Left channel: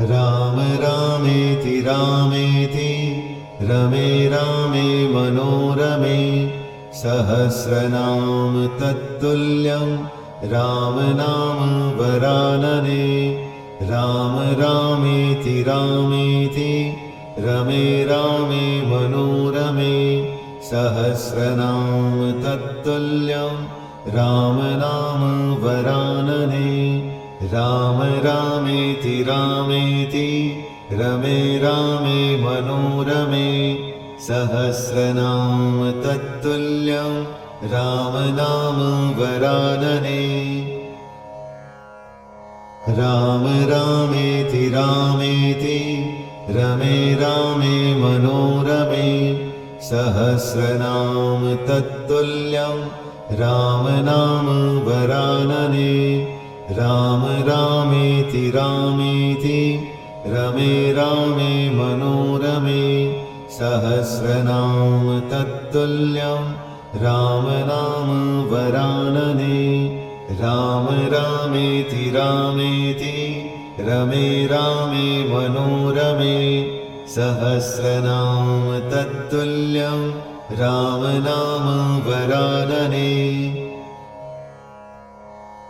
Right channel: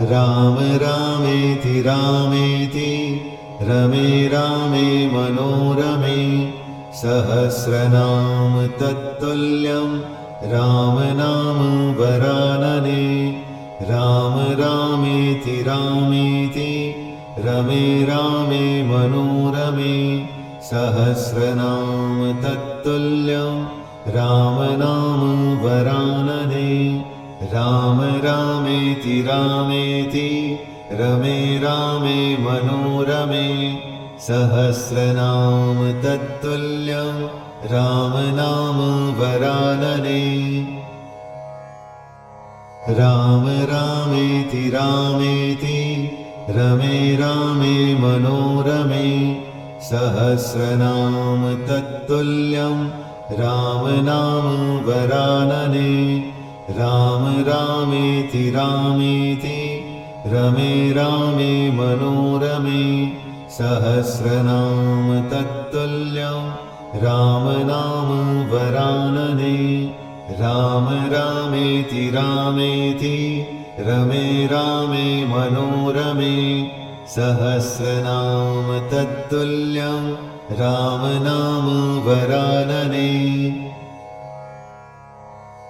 राम रामेति रामेति रमे रामे मनोरमे सहस्रनाम तत्तुल्यं राम नाम वरानने। राम रामेति रामेति रमे रामे मनोरमे सहस्रनाम तत्तुल्यं राम नाम वरानने। राम रामेति रामेति रमे रामे मनोरमे सहस्रनाम तत्तुल्यं राम नाम वरानने। राम रामेति रामेति रमे रामे मनोरमे सहस्रनाम तत्तुल्यं राम नाम वरानने। राम रामेति रामेति रमे रामे मनोरमे सहस्रनाम तत्तुल्यं राम नाम वरानने। राम रामेति रामेति रमे रामे मनोरमे सहस्रनाम तत्तुल्यं राम नाम वरानने।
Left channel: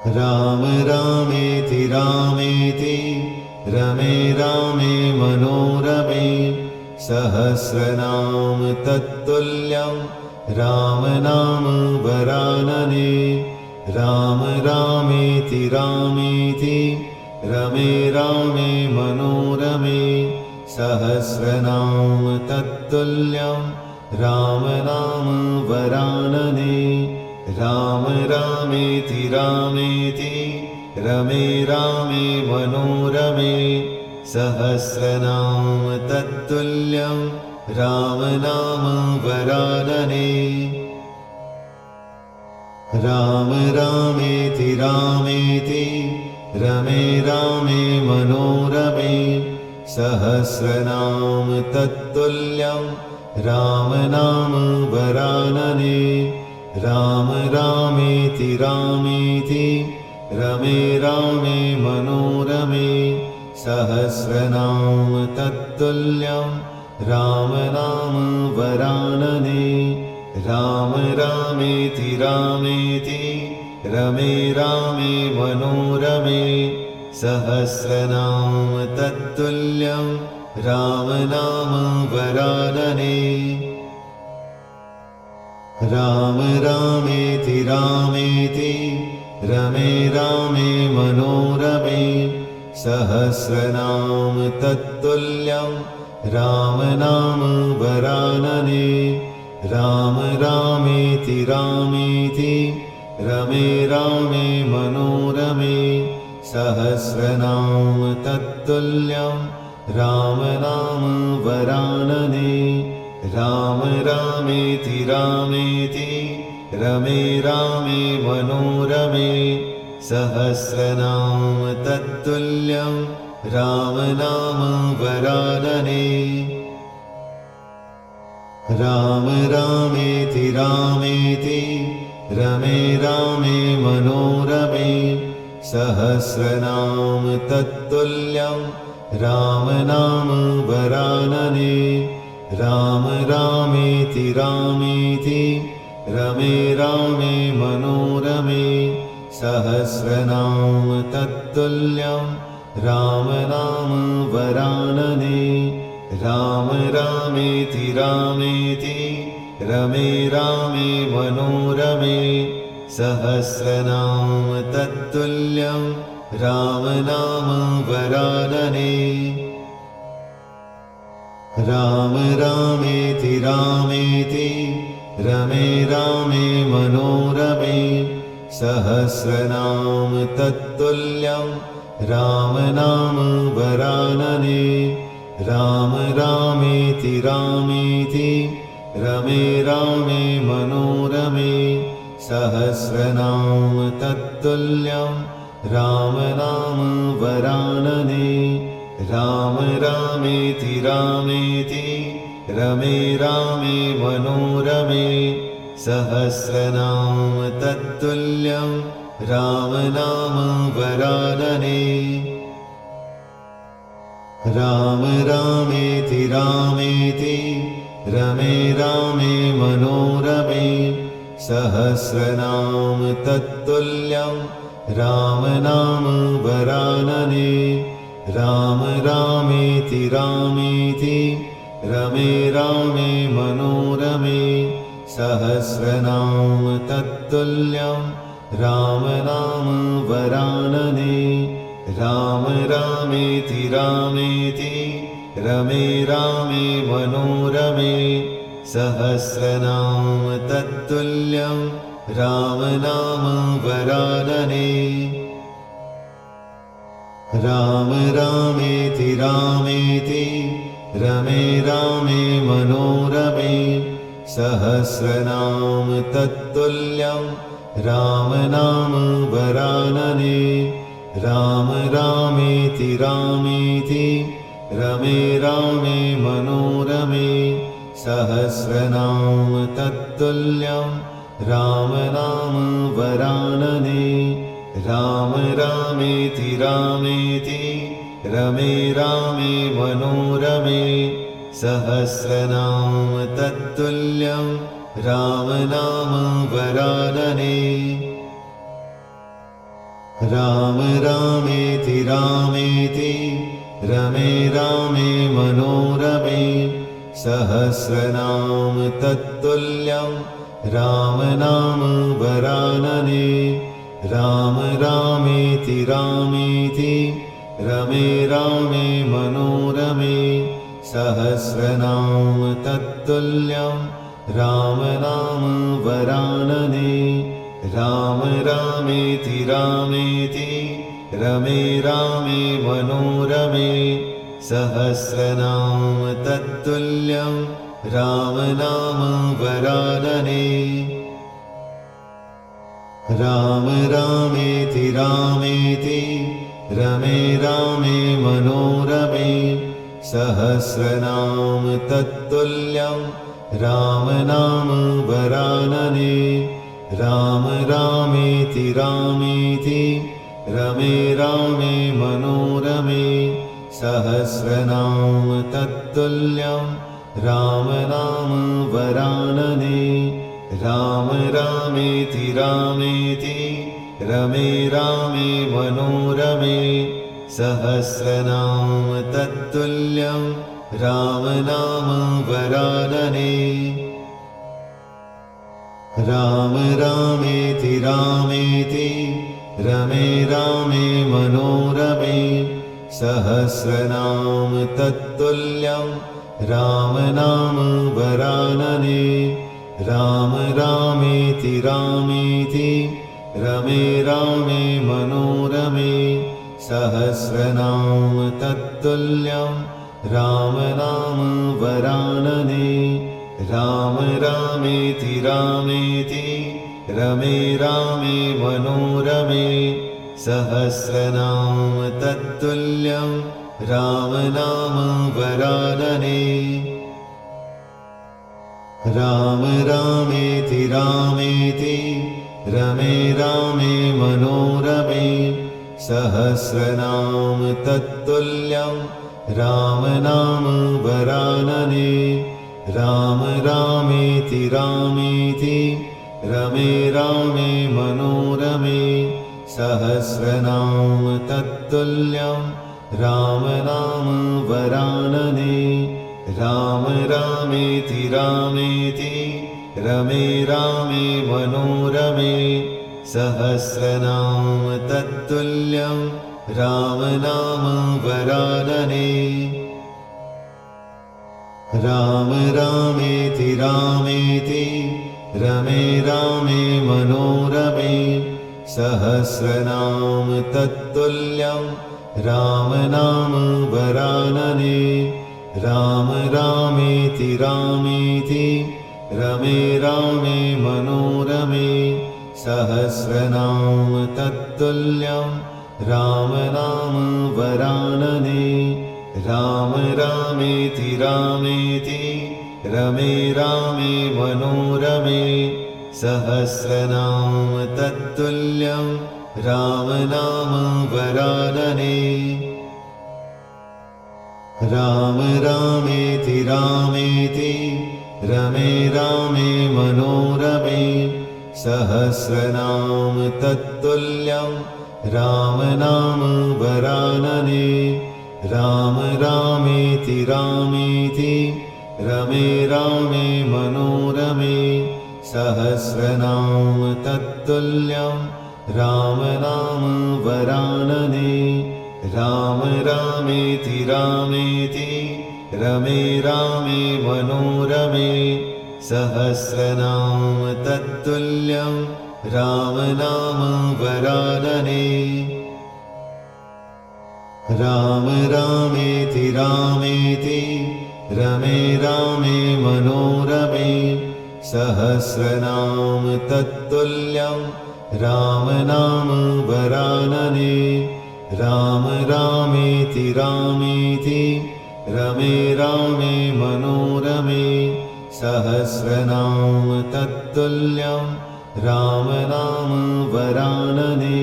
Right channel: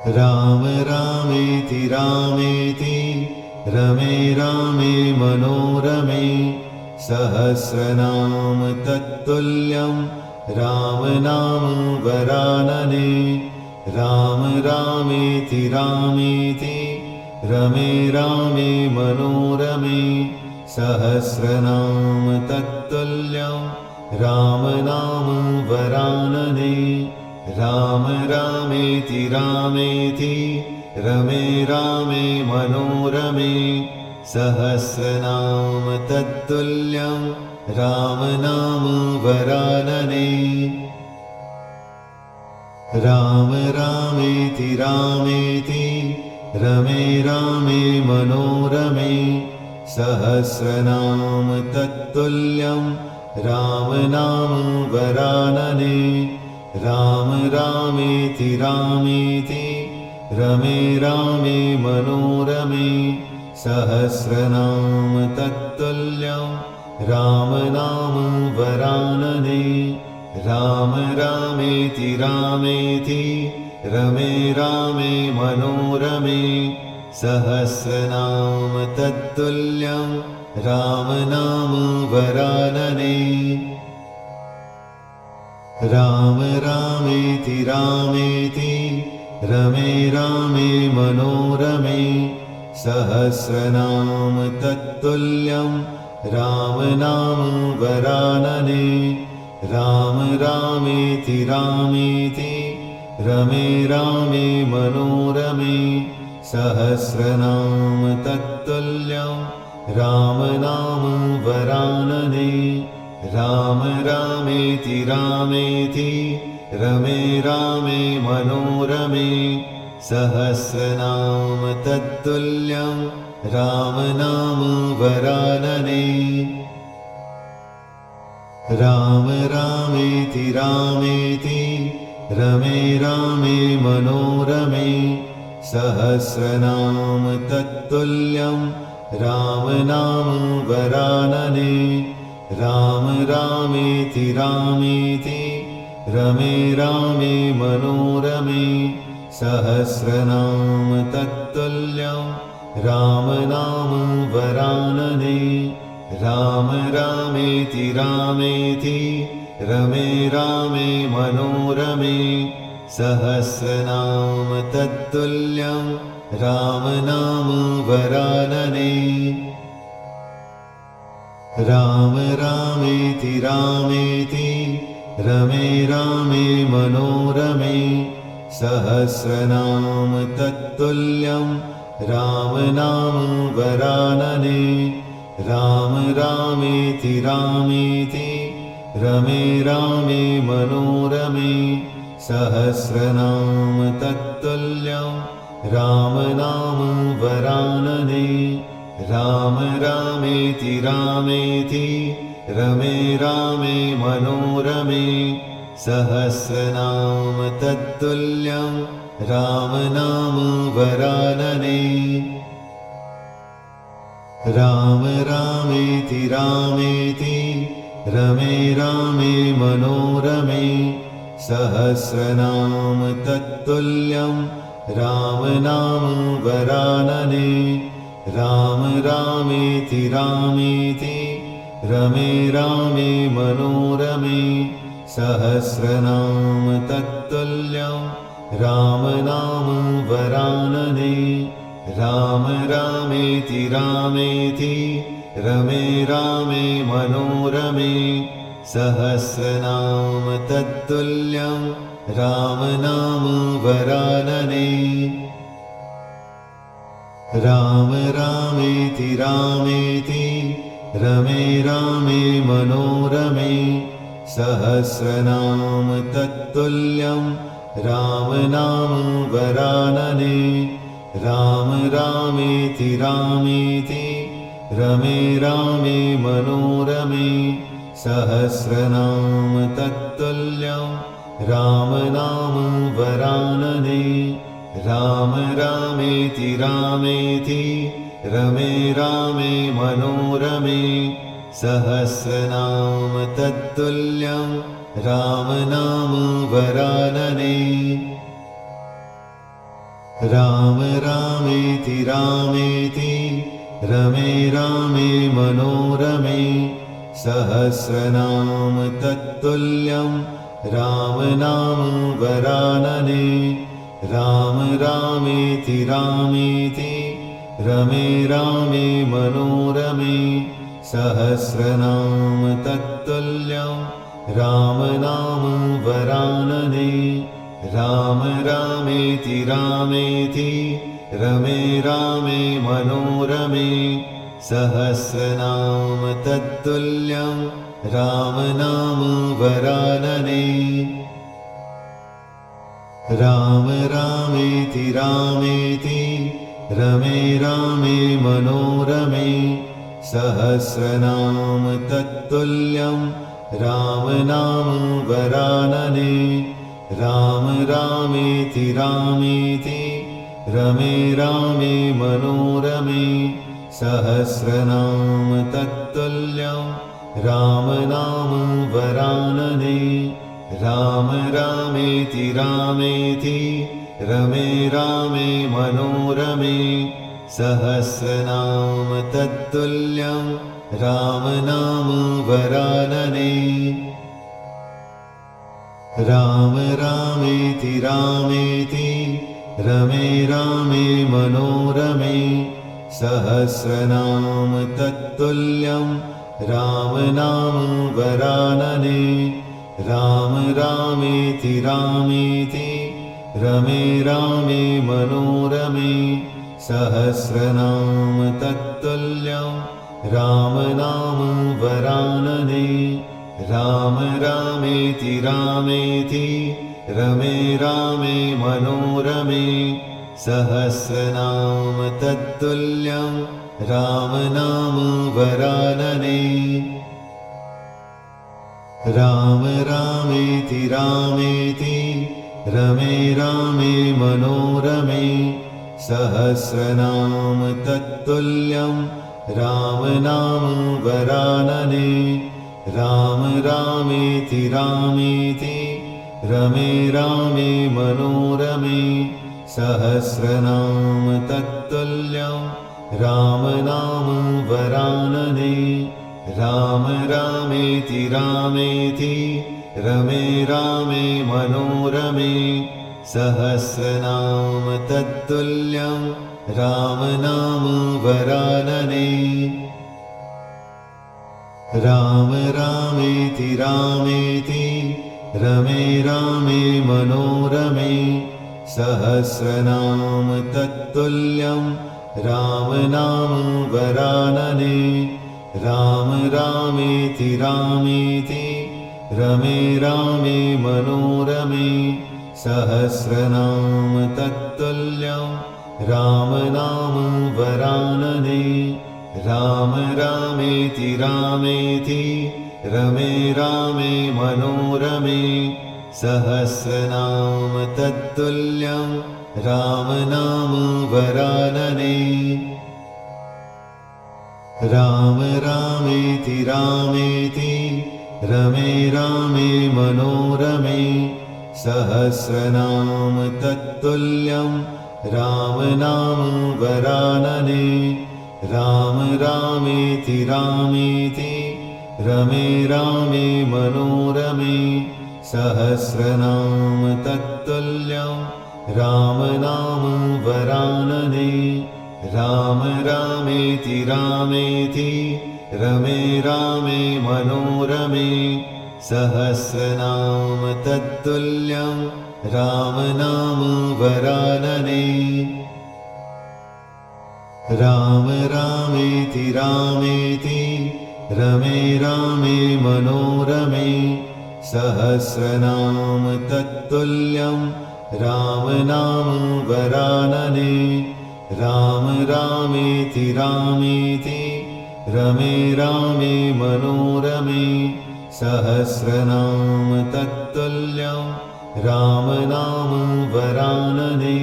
राम रामेति रामेति रमे रामे मनोरमे सहस्रनाम तत्तुल्यं राम नाम वरानने। राम रामेति रामेति रमे रामे मनोरमे सहस्रनाम तत्तुल्यं राम नाम वरानने। राम रामेति रामेति रमे रामे मनोरमे सहस्रनाम तत्तुल्यं राम नाम वरानने। राम रामेति रामेति रमे रामे मनोरमे सहस्रनाम तत्तुल्यं राम नाम वरानने। राम रामेति रामेति रमे रामे मनोरमे सहस्रनाम तत्तुल्यं राम नाम वरानने। राम रामेति रामेति रमे रामे मनोरमे सहस्रनाम तत्तुल्यं राम नाम वरानने। राम रामेति रामेति रमे रामे मनोरमे सहस्रनाम तत्तुल्यं राम नाम वरानने। राम रामेति रामेति रमे रामे मनोरमे सहस्रनाम तत्तुल्यं राम नाम वरानने। राम रामेति रामेति रमे रामे मनोरमे सहस्रनाम तत्तुल्यं राम नाम वरानने। राम रामेति रामेति रमे रामे मनोरमे सहस्रनाम तत्तुल्यं राम नाम वरानने। राम रामेति रामेति रमे रामे मनोरमे सहस्रनाम तत्तुल्यं राम नाम वरानने। राम रामेति रामेति रमे रामे मनोरमे सहस्रनाम तत्तुल्यं राम नाम वरानने। राम रामेति रामेति रमे रामे मनोरमे सहस्रनाम तत्तुल्यं राम नाम वरानने। राम रामेति रामेति रमे रामे मनोरमे सहस्रनाम तत्तुल्यं राम नाम वरानने। राम रामेति रामेति रमे रामे मनोरमे सहस्रनाम तत्तुल्यं राम नाम वरानने। राम रामेति रामेति रमे रामे मनोरमे सहस्रनाम तत्तुल्यं राम नाम वरानने राम रामेति रामेति रमे रामे मनोरमे सहस्रनाम तत्तुल्यं राम नाम वरानने राम रामेति रामेति रमे रामे मनोरमे सहस्रनाम तत्तुल्यं राम नाम वरानने राम रामेति रामेति रमे रामे मनोरमे सहस्रनाम तत्तुल्यं राम नाम वरानने राम रामेति रामेति रमे रामे मनोरमे सहस्रनाम तत्तुल्यं राम नाम वरानने राम रामेति रामेति रमे रामे मनोरमे सहस्रनाम तत्तुल्यं राम नाम वरानने राम रामेति रामेति रमे रामे मनोरमे सहस्रनाम तत्तुल्यं राम नाम वरानने राम रामेति रामेति रमे रामे मनोरमे सहस्रनाम तत्तुल्यं राम नाम वरानने राम रामेति रामेति रमे रामे मनोरमे सहस्रनाम तत्तुल्यं राम नाम वरानने राम रामेति रामेति रमे रामे मनोरमे सहस्रनाम तत्तुल्यं राम नाम वरानने राम रामेति रामेति रमे रामे मनोरमे सहस्रनाम तत्तुल्यं राम नाम वरानने राम रामेति रामेति रमे रामे मनोरमे सहस्रनाम तत्तुल्यं राम नाम वरानने राम रामेति रामेति रमे रामे मनोरमे सहस्रनाम तत्तुल्यं राम नाम वरानने राम रामेति रामेति रमे रामे मनोरमे सहस्रनाम तत्तुल्यं राम नाम वरानने राम रामेति रामेति रमे रामे मनोरमे सहस्रनाम तत्तुल्यं राम नाम वरानने राम रामेति रामेति रमे रामे मनोरमे सहस्रनाम तत्तुल्यं राम नाम वरानने राम रामेति रामेति रमे रामे मनोरमे सहस्रनाम तत्तुल्यं राम नाम वरानने राम रामेति रामेति रमे रामे मनोरमे सहस्रनाम तत्तुल्यं राम नाम वरानने राम रामेति रामेति रमे रामे मनोरमे सहस्रनाम तत्तुल्यं राम नाम वरानने राम रामेति रामेति रमे रामे मनोरमे सहस्रनाम तत्तुल्यं राम नाम वरानने राम रामेति रामेति रमे रामे मनोरमे सहस्रनाम तत्तुल्यं राम नाम वरानने राम रामेति रामेति रमे रामे मनोरमे सहस्रनाम तत्तुल्यं राम नाम वरानने राम रामेति रामेति रमे रामे मनोरमे सहस्रनाम तत्तुल्यं राम नाम वरानने राम रामेति रामेति रमे रामे मनोरमे सहस्रनाम तत्तुल्यं राम नाम वरानने राम रामेति रामेति रमे रामे मनोरमे सहस्रनाम तत्तुल्यं राम नाम वरानने राम रामेति रामेति रमे रामे मनोरमे सहस्रनाम तत्तुल्यं राम नाम वरानने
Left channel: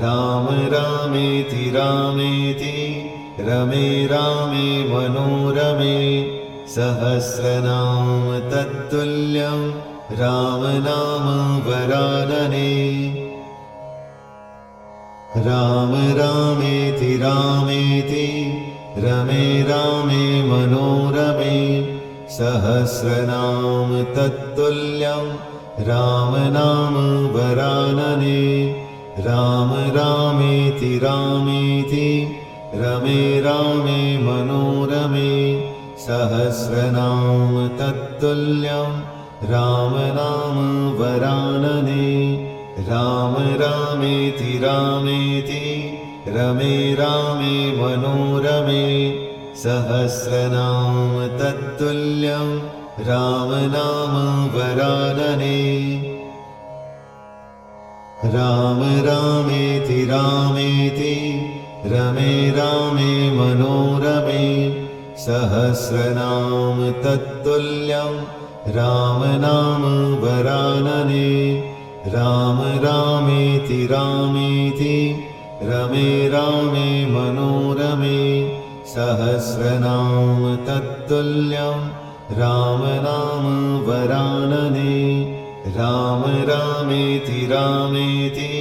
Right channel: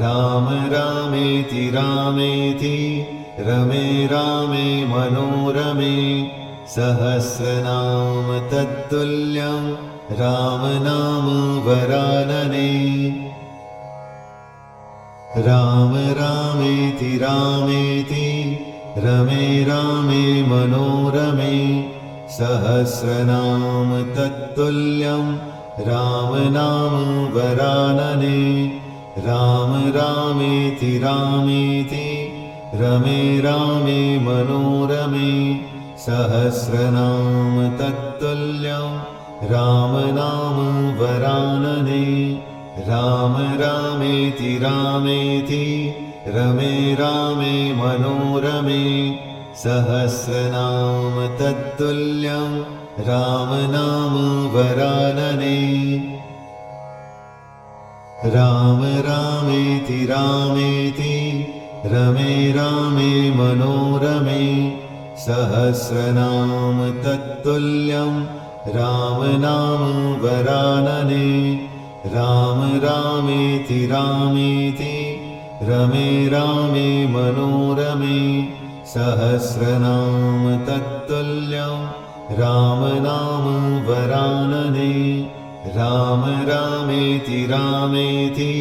राम रामेति रामेति रमे रामे मनोरमे सहस्रनाम तत्तुल्यं राम नाम वरानने राम रामेति रामेति रमे रामे मनोरमे सहस्रनाम तत्तुल्यं राम नाम वरानने राम रामेति रामेति रमे रामे मनोरमे सहस्रनाम तत्तुल्यं राम नाम वरानने राम रामेति रामेति रमे रामे मनोरमे सहस्रनाम तत्तुल्यं राम नाम वरानने राम रामेति रामेति रमे रामे मनोरमे सहस्रनाम तत्तुल्यं राम नाम वरानने राम रामेति रामेति रमे रामे मनोरमे सहस्रनाम तत्तुल्यं राम नाम वरानने राम रामेति रामेति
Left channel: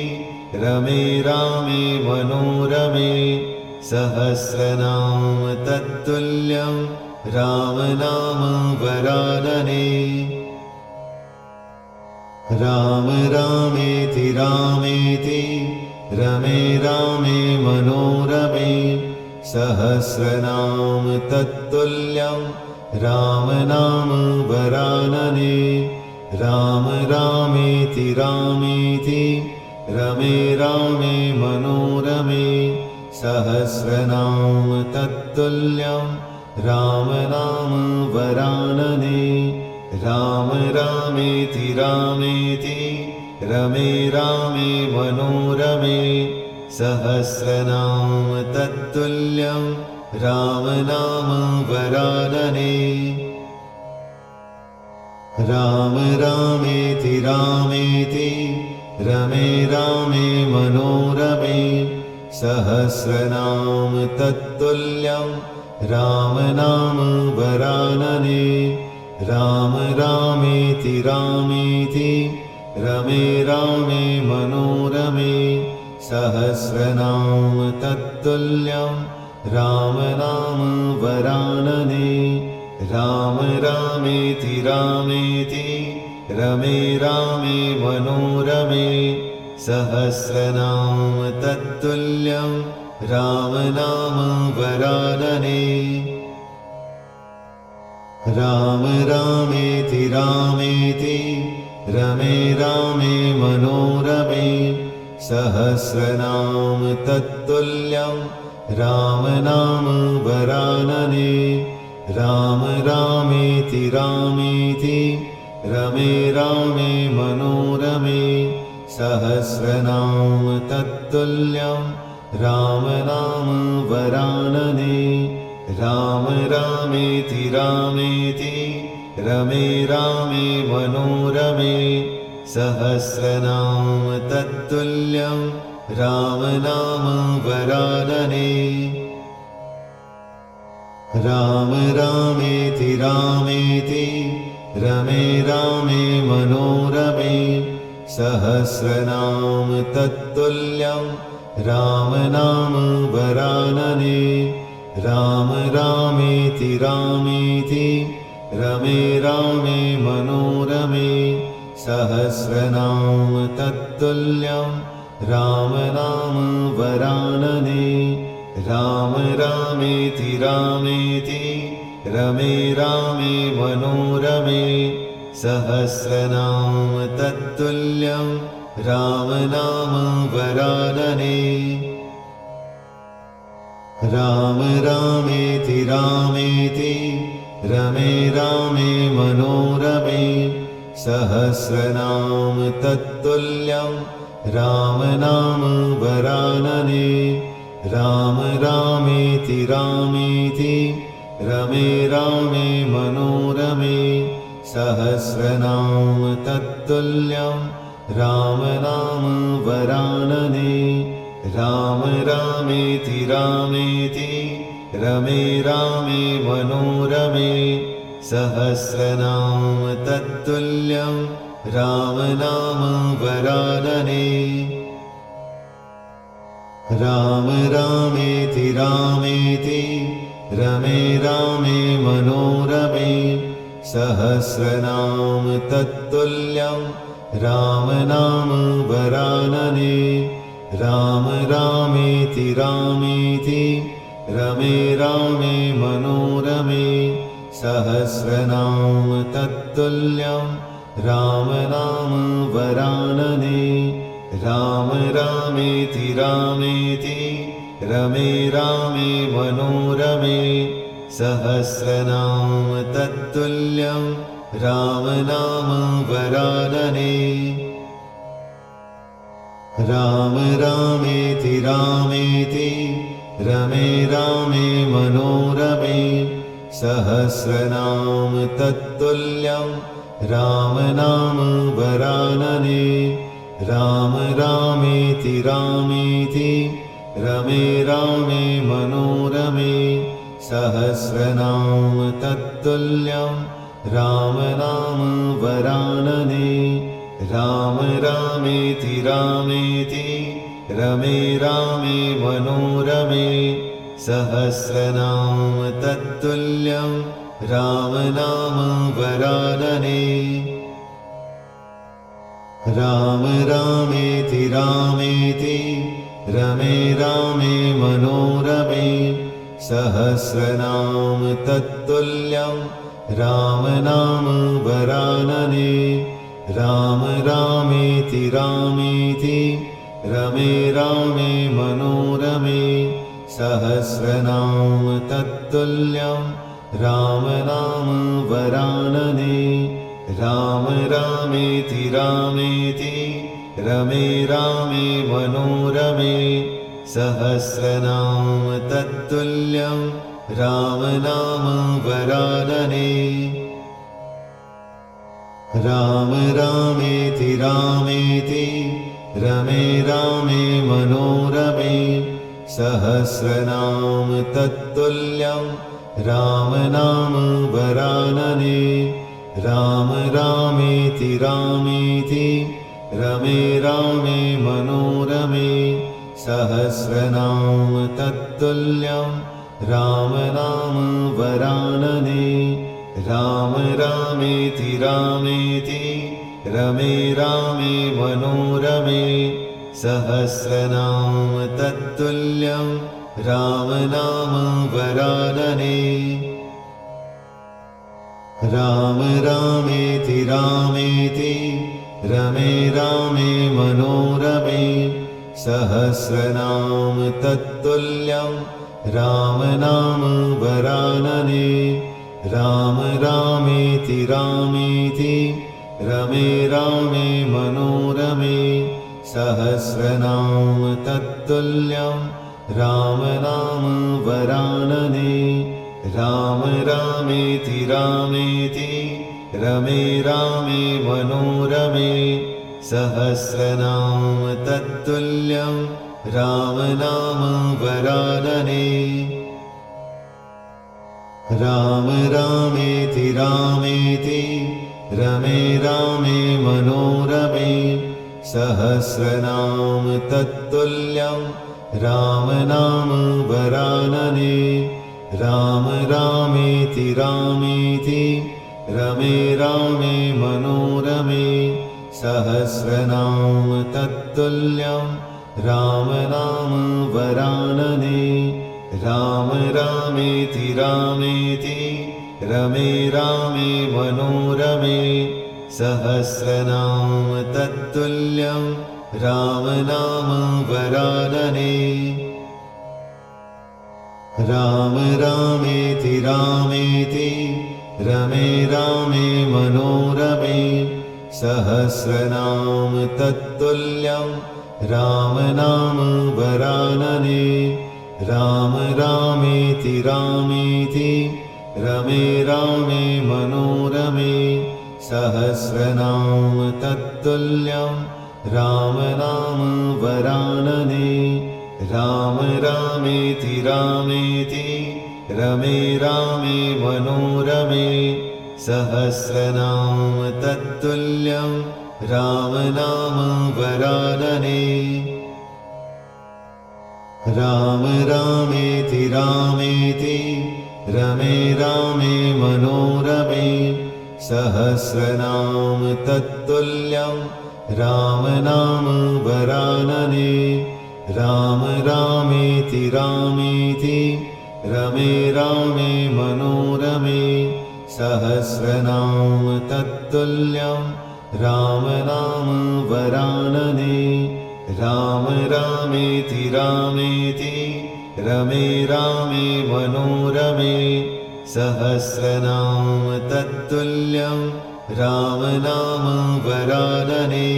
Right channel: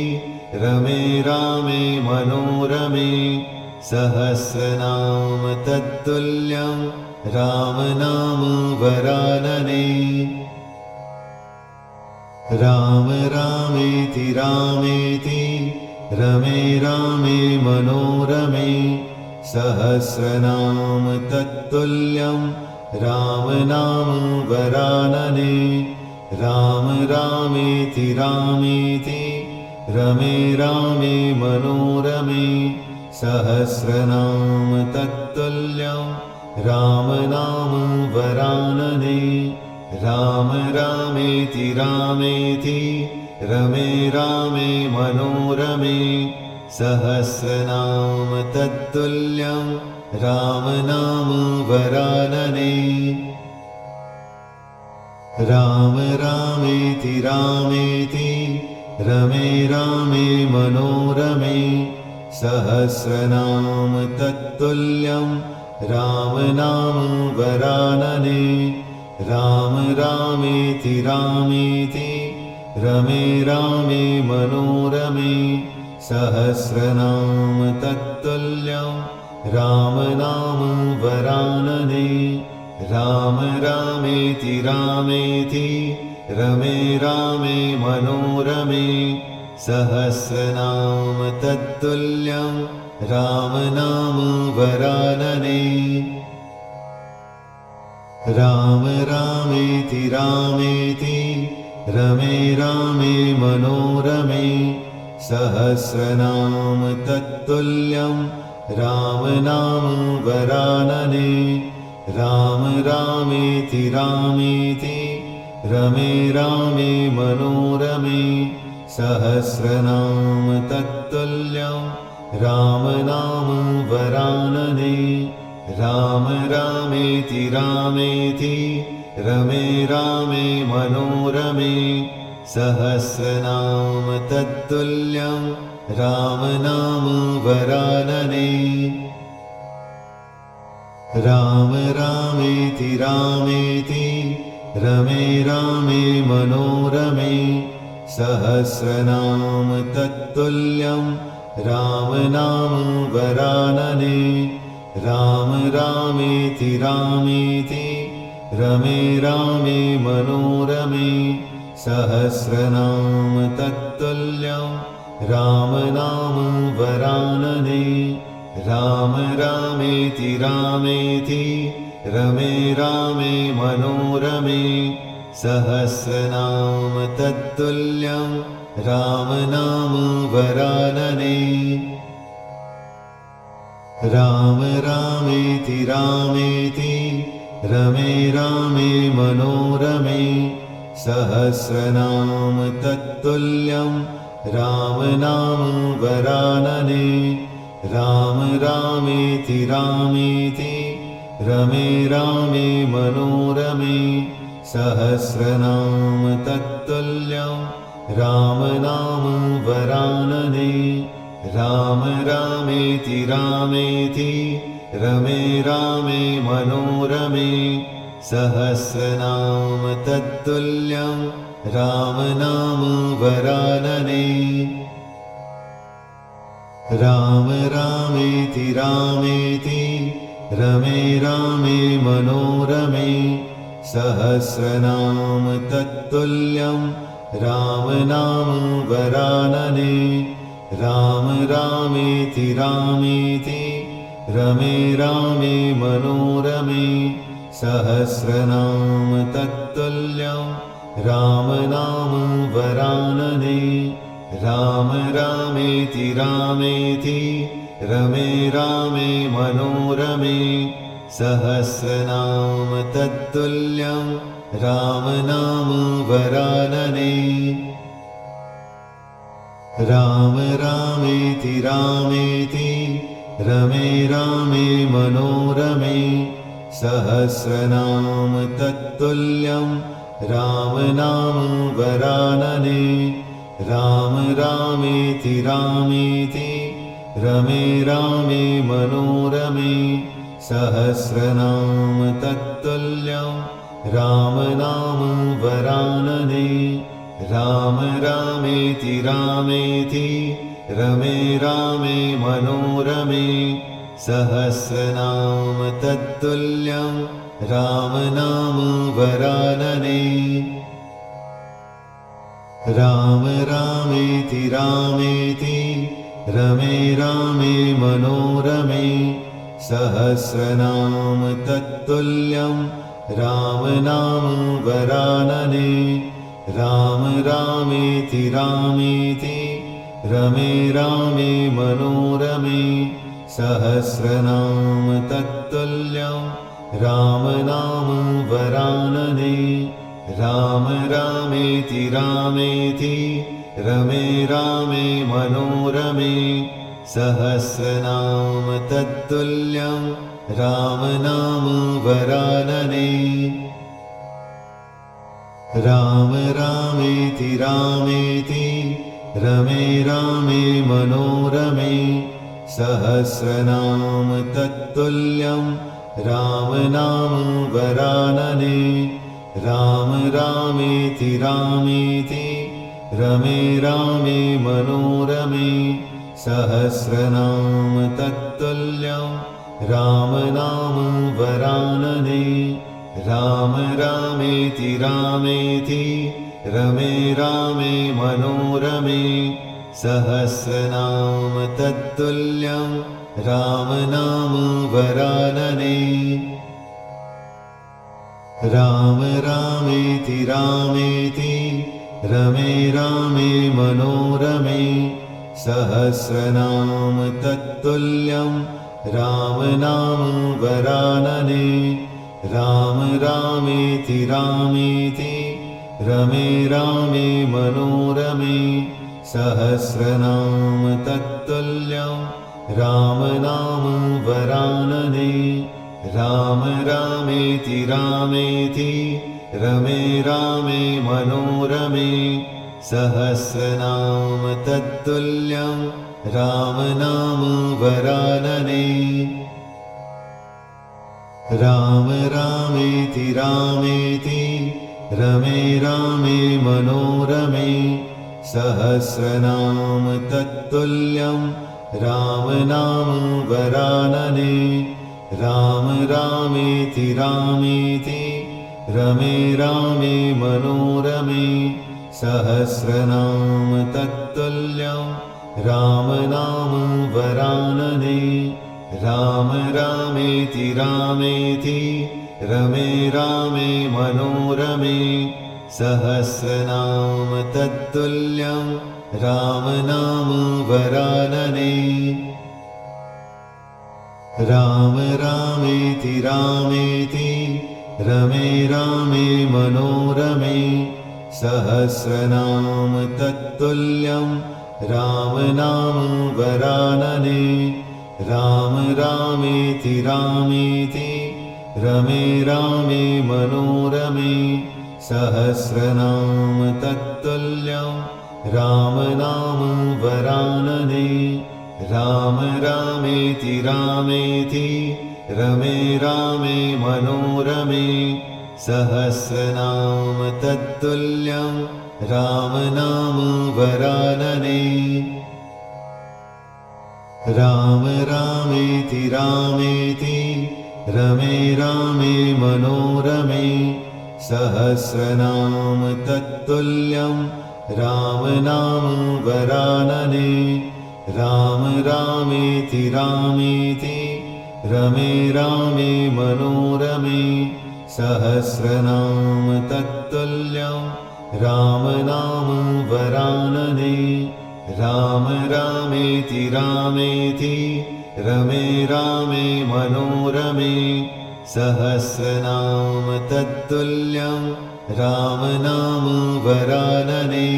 रमे रामे मनोरमे सहस्रनाम तत्तुल्यं राम नाम वरानने राम रामेति रामेति रमे रामे मनोरमे सहस्रनाम तत्तुल्यं राम नाम वरानने राम रामेति रामेति रमे रामे मनोरमे सहस्रनाम तत्तुल्यं राम नाम वरानने राम रामेति रामेति रमे रामे मनोरमे सहस्रनाम तत्तुल्यं राम नाम वरानने राम रामेति रामेति रमे रामे मनोरमे सहस्रनाम तत्तुल्यं राम नाम वरानने राम रामेति रामेति रमे रामे मनोरमे सहस्रनाम तत्तुल्यं राम नाम वरानने राम रामेति रामेति रमे रामे मनोरमे सहस्रनाम तत्तुल्यं राम नाम वरानने राम रामेति रामेति रमे रामे मनोरमे सहस्रनाम तत्तुल्यं राम नाम वरानने राम रामेति रामेति रमे रामे मनोरमे सहस्रनाम तत्तुल्यं राम नाम वरानने राम रामेति रामेति रमे रामे मनोरमे सहस्रनाम तत्तुल्यं राम नाम वरानने राम रामेति रामेति रमे रामे मनोरमे सहस्रनाम तत्तुल्यं राम नाम वरानने राम रामेति रामेति रमे रामे मनोरमे सहस्रनाम तत्तुल्यं राम नाम वरानने राम रामेति रामेति रमे रामे मनोरमे सहस्रनाम तत्तुल्यं राम नाम वरानने राम रामेति रामेति रमे रामे मनोरमे सहस्रनाम तत्तुल्यं राम नाम वरानने राम रामेति रामेति रमे रामे मनोरमे सहस्रनाम तत्तुल्यं राम नाम वरानने राम रामेति रामेति रमे रामे मनोरमे सहस्रनाम तत्तुल्यं राम नाम वरानने राम रामेति रामेति रमे रामे मनोरमे सहस्रनाम तत्तुल्यं राम नाम वरानने राम रामेति रामेति रमे रामे मनोरमे सहस्रनाम तत्तुल्यं राम नाम वरानने राम रामेति रामेति रमे रामे मनोरमे सहस्रनाम तत्तुल्यं राम नाम वरानने राम रामेति रामेति रमे रामे मनोरमे सहस्रनाम तत्तुल्यं राम नाम वरानने राम रामेति रामेति रमे रामे मनोरमे सहस्रनाम तत्तुल्यं राम नाम वरानने राम रामेति रामेति रमे रामे मनोरमे सहस्रनाम तत्तुल्यं राम नाम वरानने राम रामेति रामेति रमे रामे मनोरमे सहस्रनाम तत्तुल्यं राम नाम वरानने राम रामेति रामेति रमे रामे मनोरमे सहस्रनाम तत्तुल्यं राम नाम वरानने राम रामेति रामेति रमे रामे मनोरमे सहस्रनाम तत्तुल्यं राम नाम वरानने राम रामेति रामेति रमे रामे मनोरमे सहस्रनाम तत्तुल्यं राम नाम वरानने राम रामेति रामेति रमे रामे मनोरमे सहस्रनाम तत्तुल्यं राम नाम वरानने राम रामेति रामेति रमे रामे मनोरमे सहस्रनाम तत्तुल्यं राम नाम वरानने राम रामेति रामेति रमे रामे मनोरमे सहस्रनाम तत्तुल्यं राम नाम वरानने राम रामेति रामेति रमे रामे मनोरमे सहस्रनाम तत्तुल्यं राम नाम वरानने राम रामेति रामेति रमे रामे मनोरमे सहस्रनाम तत्तुल्यं राम नाम वरानने राम रामेति रामेति रमे रामे मनोरमे सहस्रनाम तत्तुल्यं राम नाम वरानने राम रामेति रामेति रमे रामे मनोरमे सहस्रनाम तत्तुल्यं राम नाम वरानने राम रामेति रामेति रमे रामे मनोरमे सहस्रनाम तत्तुल्यं राम नाम वरानने राम रामेति रामेति रमे रामे मनोरमे सहस्रनाम तत्तुल्यं राम नाम वरानने राम रामेति रामेति रमे रामे मनोरमे सहस्रनाम तत्तुल्यं राम नाम वरानने राम रामेति रामेति रमे रामे मनोरमे सहस्रनाम तत्तुल्यं राम नाम वरानने राम रामेति रामेति रमे रामे मनोरमे सहस्रनाम तत्तुल्यं राम नाम वरानने राम रामेति रामेति रमे रामे मनोरमे सहस्रनाम तत्तुल्यं राम नाम वरानने राम रामेति रामेति रमे रामे मनोरमे सहस्रनाम तत्तुल्यं राम नाम वरानने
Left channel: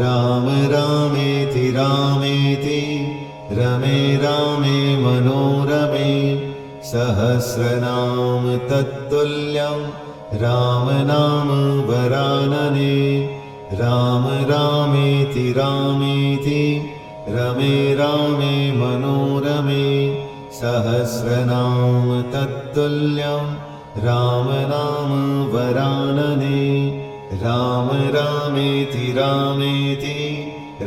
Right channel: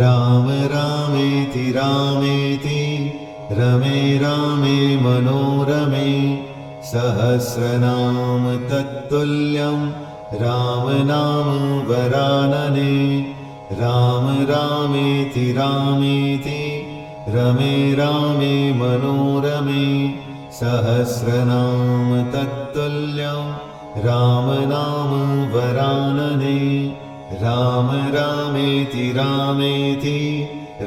राम रामेति रामेति रमे रामे मनोरमे सहस्रनाम तत्तुल्यं राम नाम वरानने राम रामेति रामेति रमे रामे मनोरमे सहस्रनाम तत्तुल्यं राम नाम वरानने राम रामेति रामेति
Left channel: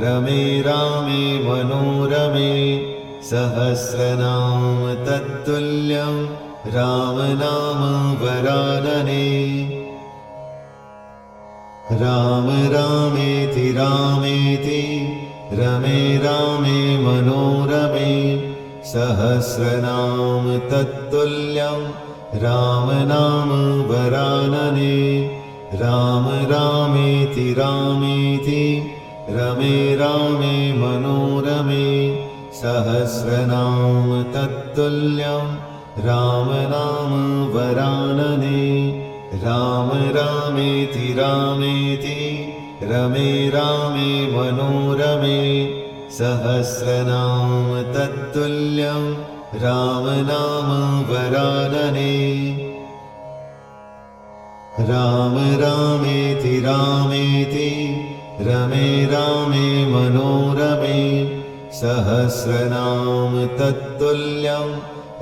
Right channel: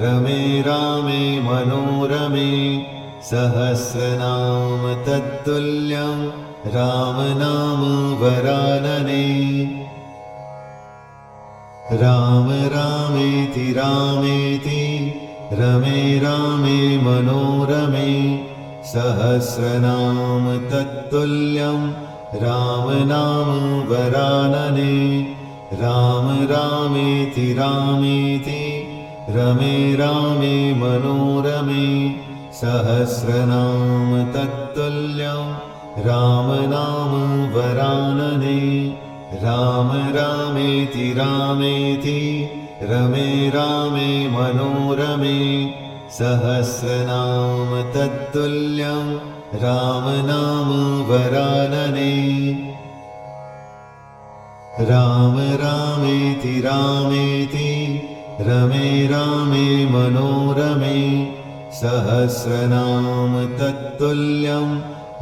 रमे रामे मनोरमे सहस्रनाम तत्तुल्यं राम नाम वरानने राम रामेति रामेति रमे रामे मनोरमे सहस्रनाम तत्तुल्यं राम नाम वरानने राम रामेति रामेति रमे रामे मनोरमे सहस्रनाम तत्तुल्यं राम नाम वरानने राम रामेति रामेति रमे रामे मनोरमे सहस्रनाम तत्तुल्यं राम नाम वरानने राम रामेति रामेति रमे रामे मनोरमे सहस्रनाम तत्तुल्यं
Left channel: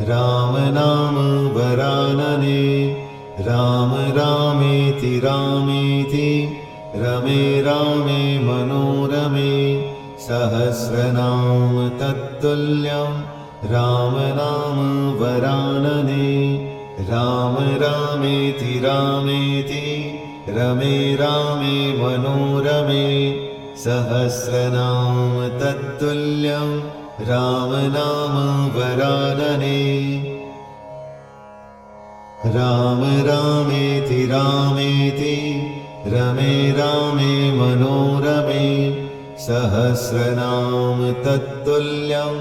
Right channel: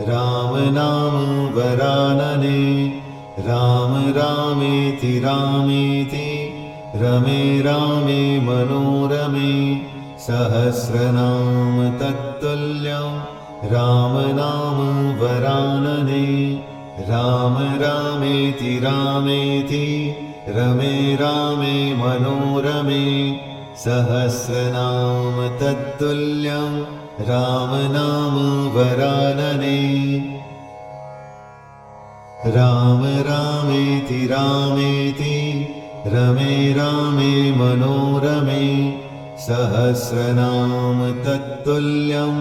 राम नाम वरानने राम रामेति रामेति रमे रामे मनोरमे सहस्रनाम तत्तुल्यं राम नाम वरानने राम रामेति रामेति रमे रामे मनोरमे सहस्रनाम तत्तुल्यं राम नाम वरानने राम रामेति रामेति रमे रामे मनोरमे सहस्रनाम तत्तुल्यं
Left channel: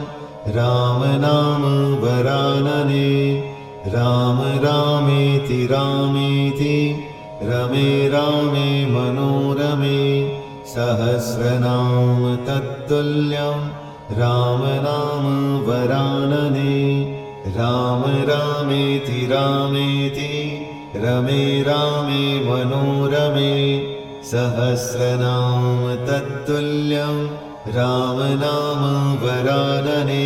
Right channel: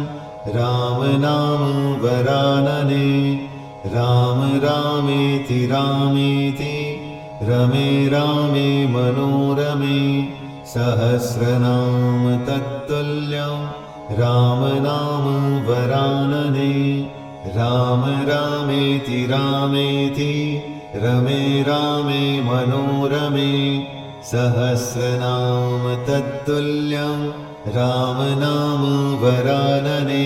राम नाम वरानने राम रामेति रामेति रमे रामे मनोरमे सहस्रनाम तत्तुल्यं राम नाम वरानने राम रामेति रामेति रमे रामे मनोरमे सहस्रनाम तत्तुल्यं राम नाम वरानने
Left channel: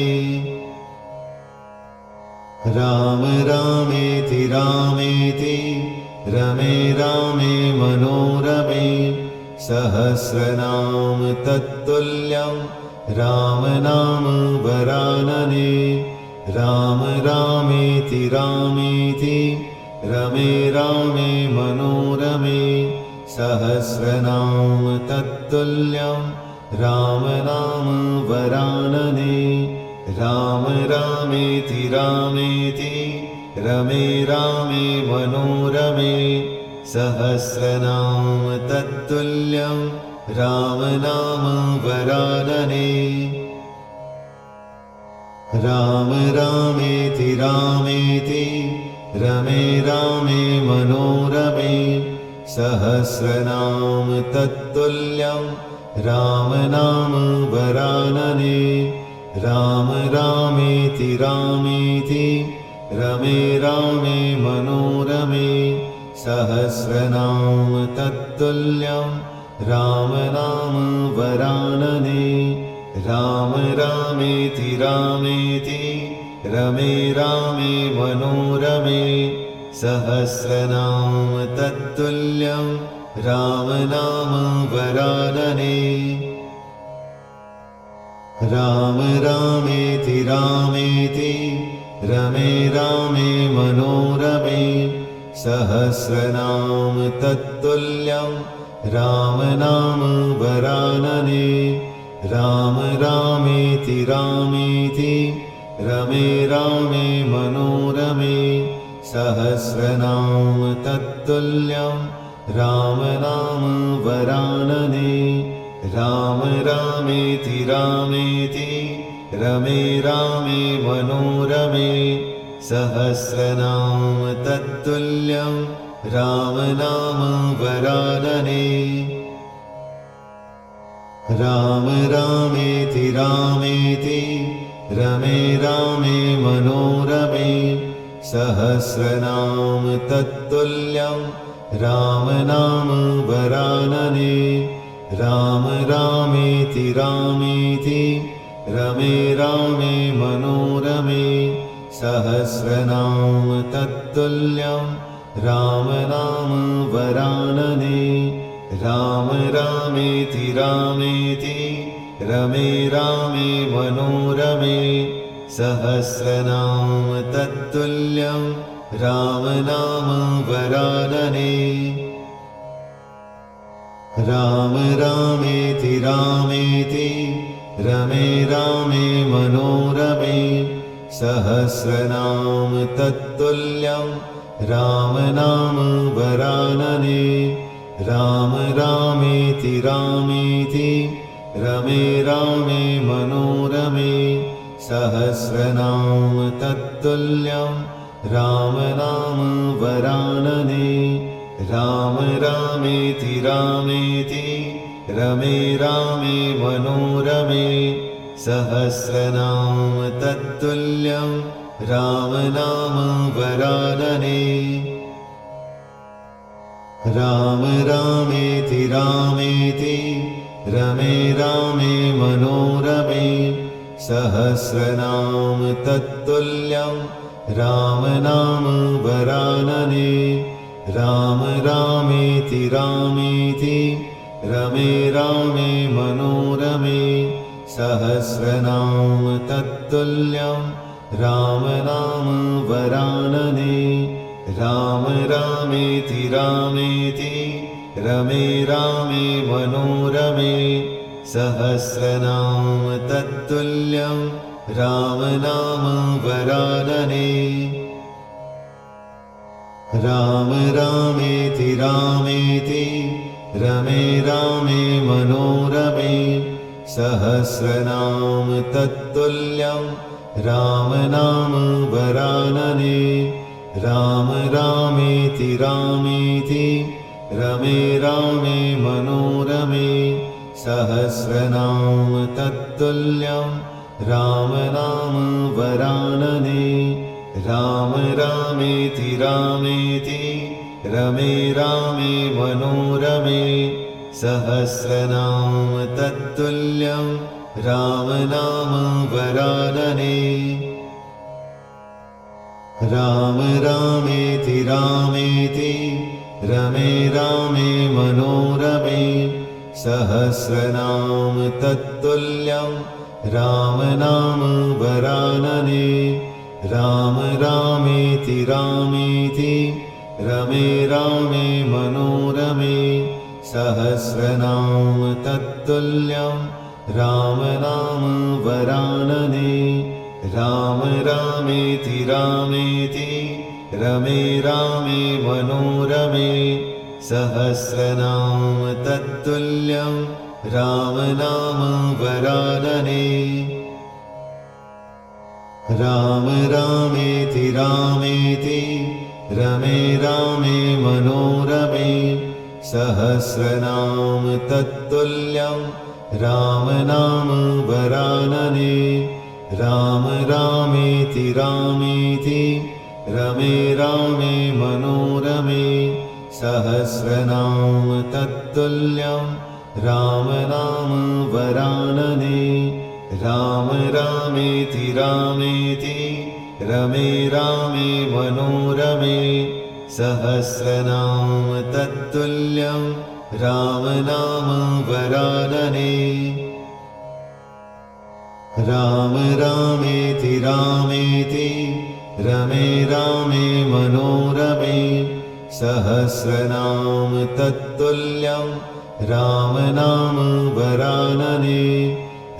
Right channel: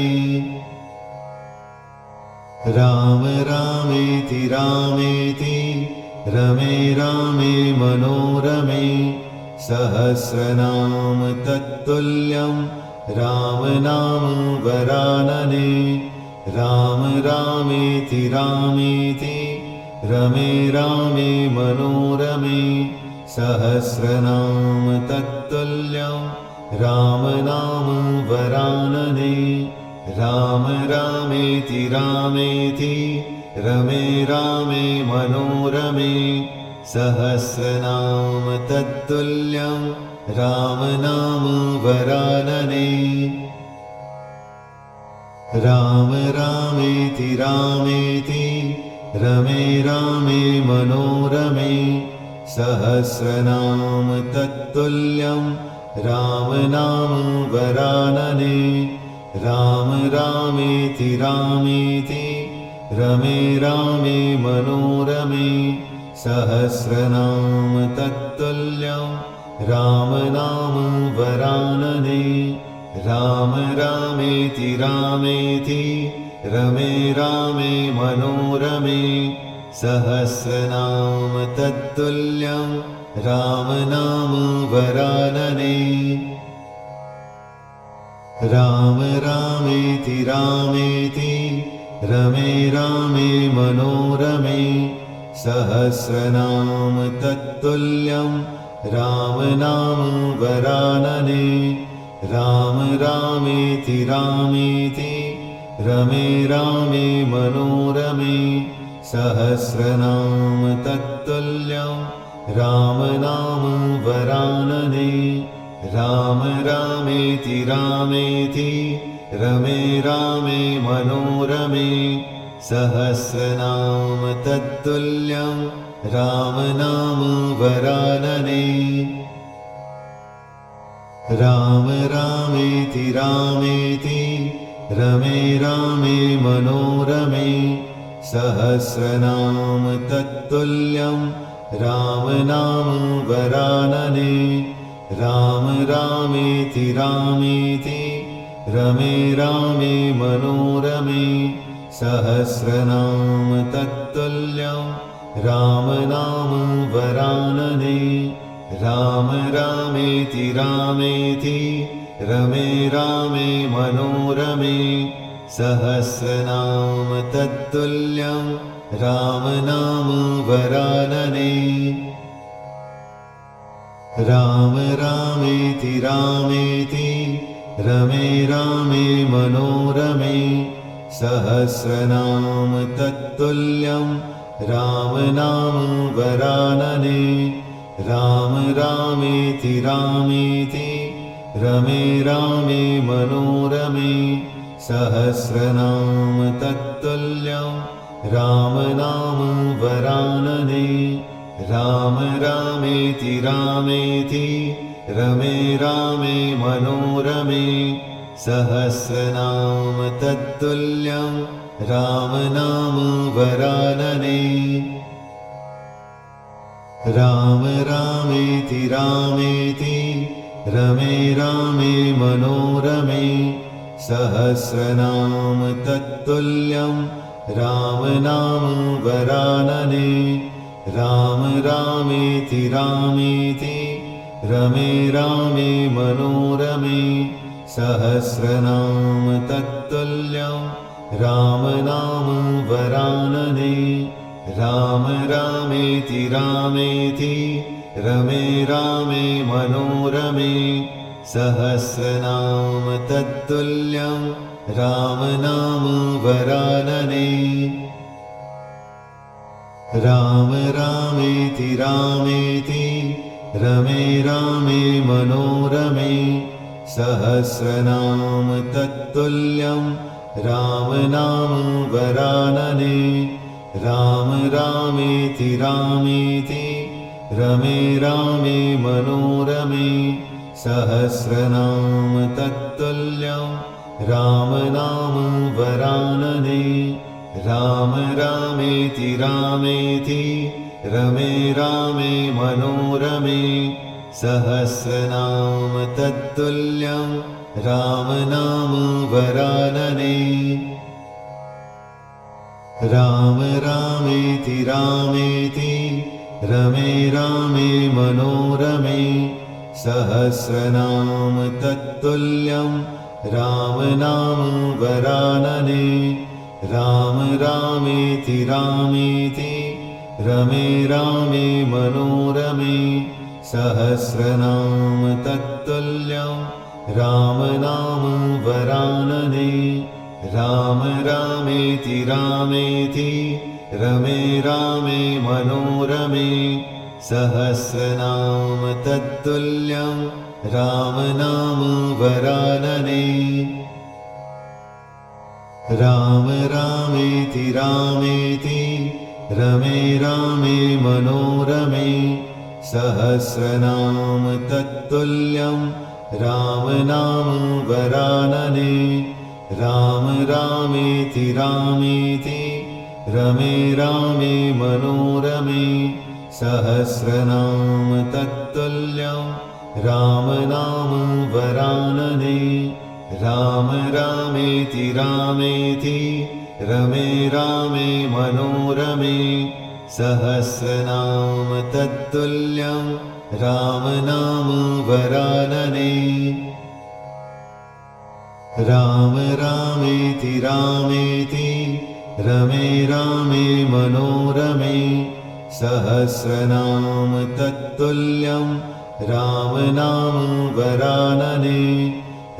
राम रामेति रामेति रमे रामे मनोरमे सहस्रनाम तत्तुल्यं राम नाम वरानने राम रामेति रामेति रमे रामे मनोरमे सहस्रनाम तत्तुल्यं राम नाम वरानने राम रामेति रामेति रमे रामे मनोरमे सहस्रनाम तत्तुल्यं राम नाम वरानने राम रामेति रामेति रमे रामे मनोरमे सहस्रनाम तत्तुल्यं राम नाम वरानने राम रामेति रामेति रमे रामे मनोरमे सहस्रनाम तत्तुल्यं राम नाम वरानने राम रामेति रामेति रमे रामे मनोरमे सहस्रनाम तत्तुल्यं राम नाम वरानने राम रामेति रामेति रमे रामे मनोरमे सहस्रनाम तत्तुल्यं राम नाम वरानने राम रामेति रामेति रमे रामे मनोरमे सहस्रनाम तत्तुल्यं राम नाम वरानने राम रामेति रामेति रमे रामे मनोरमे सहस्रनाम तत्तुल्यं राम नाम वरानने राम रामेति रामेति रमे रामे मनोरमे सहस्रनाम तत्तुल्यं राम नाम वरानने राम रामेति रामेति रमे रामे मनोरमे सहस्रनाम तत्तुल्यं राम नाम वरानने राम रामेति रामेति रमे रामे मनोरमे सहस्रनाम तत्तुल्यं राम नाम वरानने राम रामेति रामेति रमे रामे मनोरमे सहस्रनाम तत्तुल्यं राम नाम वरानने राम रामेति रामेति रमे रामे मनोरमे सहस्रनाम तत्तुल्यं राम नाम वरानने राम रामेति रामेति रमे रामे मनोरमे सहस्रनाम तत्तुल्यं राम नाम वरानने राम रामेति रामेति रमे रामे मनोरमे सहस्रनाम तत्तुल्यं राम नाम वरानने राम रामेति रामेति रमे रामे मनोरमे सहस्रनाम तत्तुल्यं राम नाम वरानने राम रामेति रामेति रमे रामे मनोरमे सहस्रनाम तत्तुल्यं राम नाम वरानने राम रामेति रामेति रमे रामे मनोरमे सहस्रनाम तत्तुल्यं राम नाम वरानने राम रामेति रामेति रमे रामे मनोरमे सहस्रनाम तत्तुल्यं राम नाम वरानने राम रामेति रामेति रमे रामे मनोरमे सहस्रनाम तत्तुल्यं राम नाम वरानने राम रामेति रामेति रमे रामे मनोरमे सहस्रनाम तत्तुल्यं राम नाम वरानने राम रामेति रामेति रमे रामे मनोरमे सहस्रनाम तत्तुल्यं राम नाम वरानने राम रामेति रामेति रमे रामे मनोरमे सहस्रनाम तत्तुल्यं राम नाम वरानने राम रामेति रामेति रमे रामे मनोरमे सहस्रनाम तत्तुल्यं राम नाम वरानने राम रामेति रामेति रमे रामे मनोरमे सहस्रनाम तत्तुल्यं राम नाम वरानने राम रामेति रामेति रमे रामे मनोरमे सहस्रनाम तत्तुल्यं राम नाम वरानने राम रामेति रामेति रमे रामे मनोरमे सहस्रनाम तत्तुल्यं राम नाम वरानने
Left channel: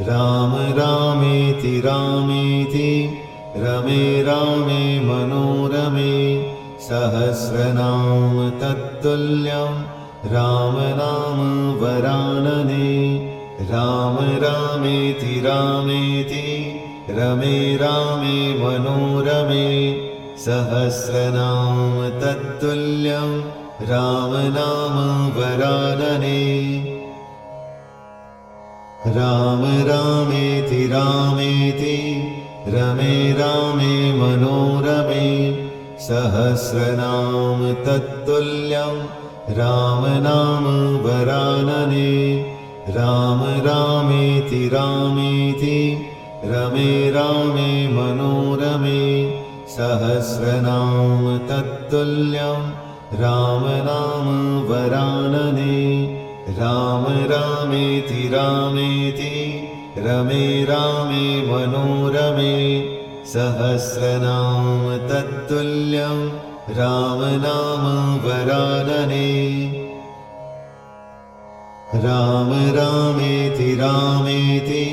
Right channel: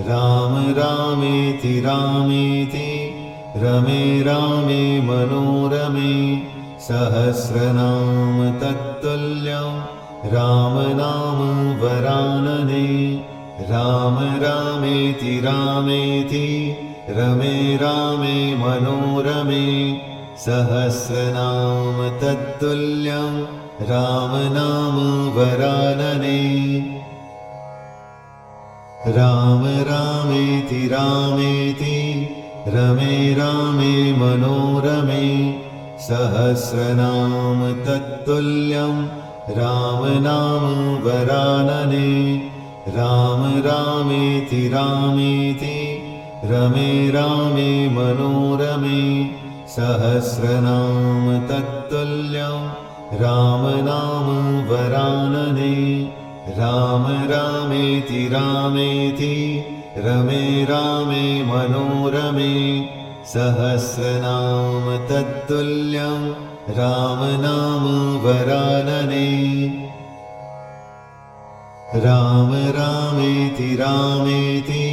राम रामेति रामेति रमे रामे मनोरमे सहस्रनाम तत्तुल्यं राम नाम वरानने राम रामेति रामेति रमे रामे मनोरमे सहस्रनाम तत्तुल्यं राम नाम वरानने राम रामेति रामेति रमे रामे मनोरमे सहस्रनाम तत्तुल्यं राम नाम वरानने राम रामेति रामेति रमे रामे मनोरमे सहस्रनाम तत्तुल्यं राम नाम वरानने राम रामेति रामेति रमे रामे मनोरमे सहस्रनाम तत्तुल्यं राम नाम वरानने राम रामेति रामेति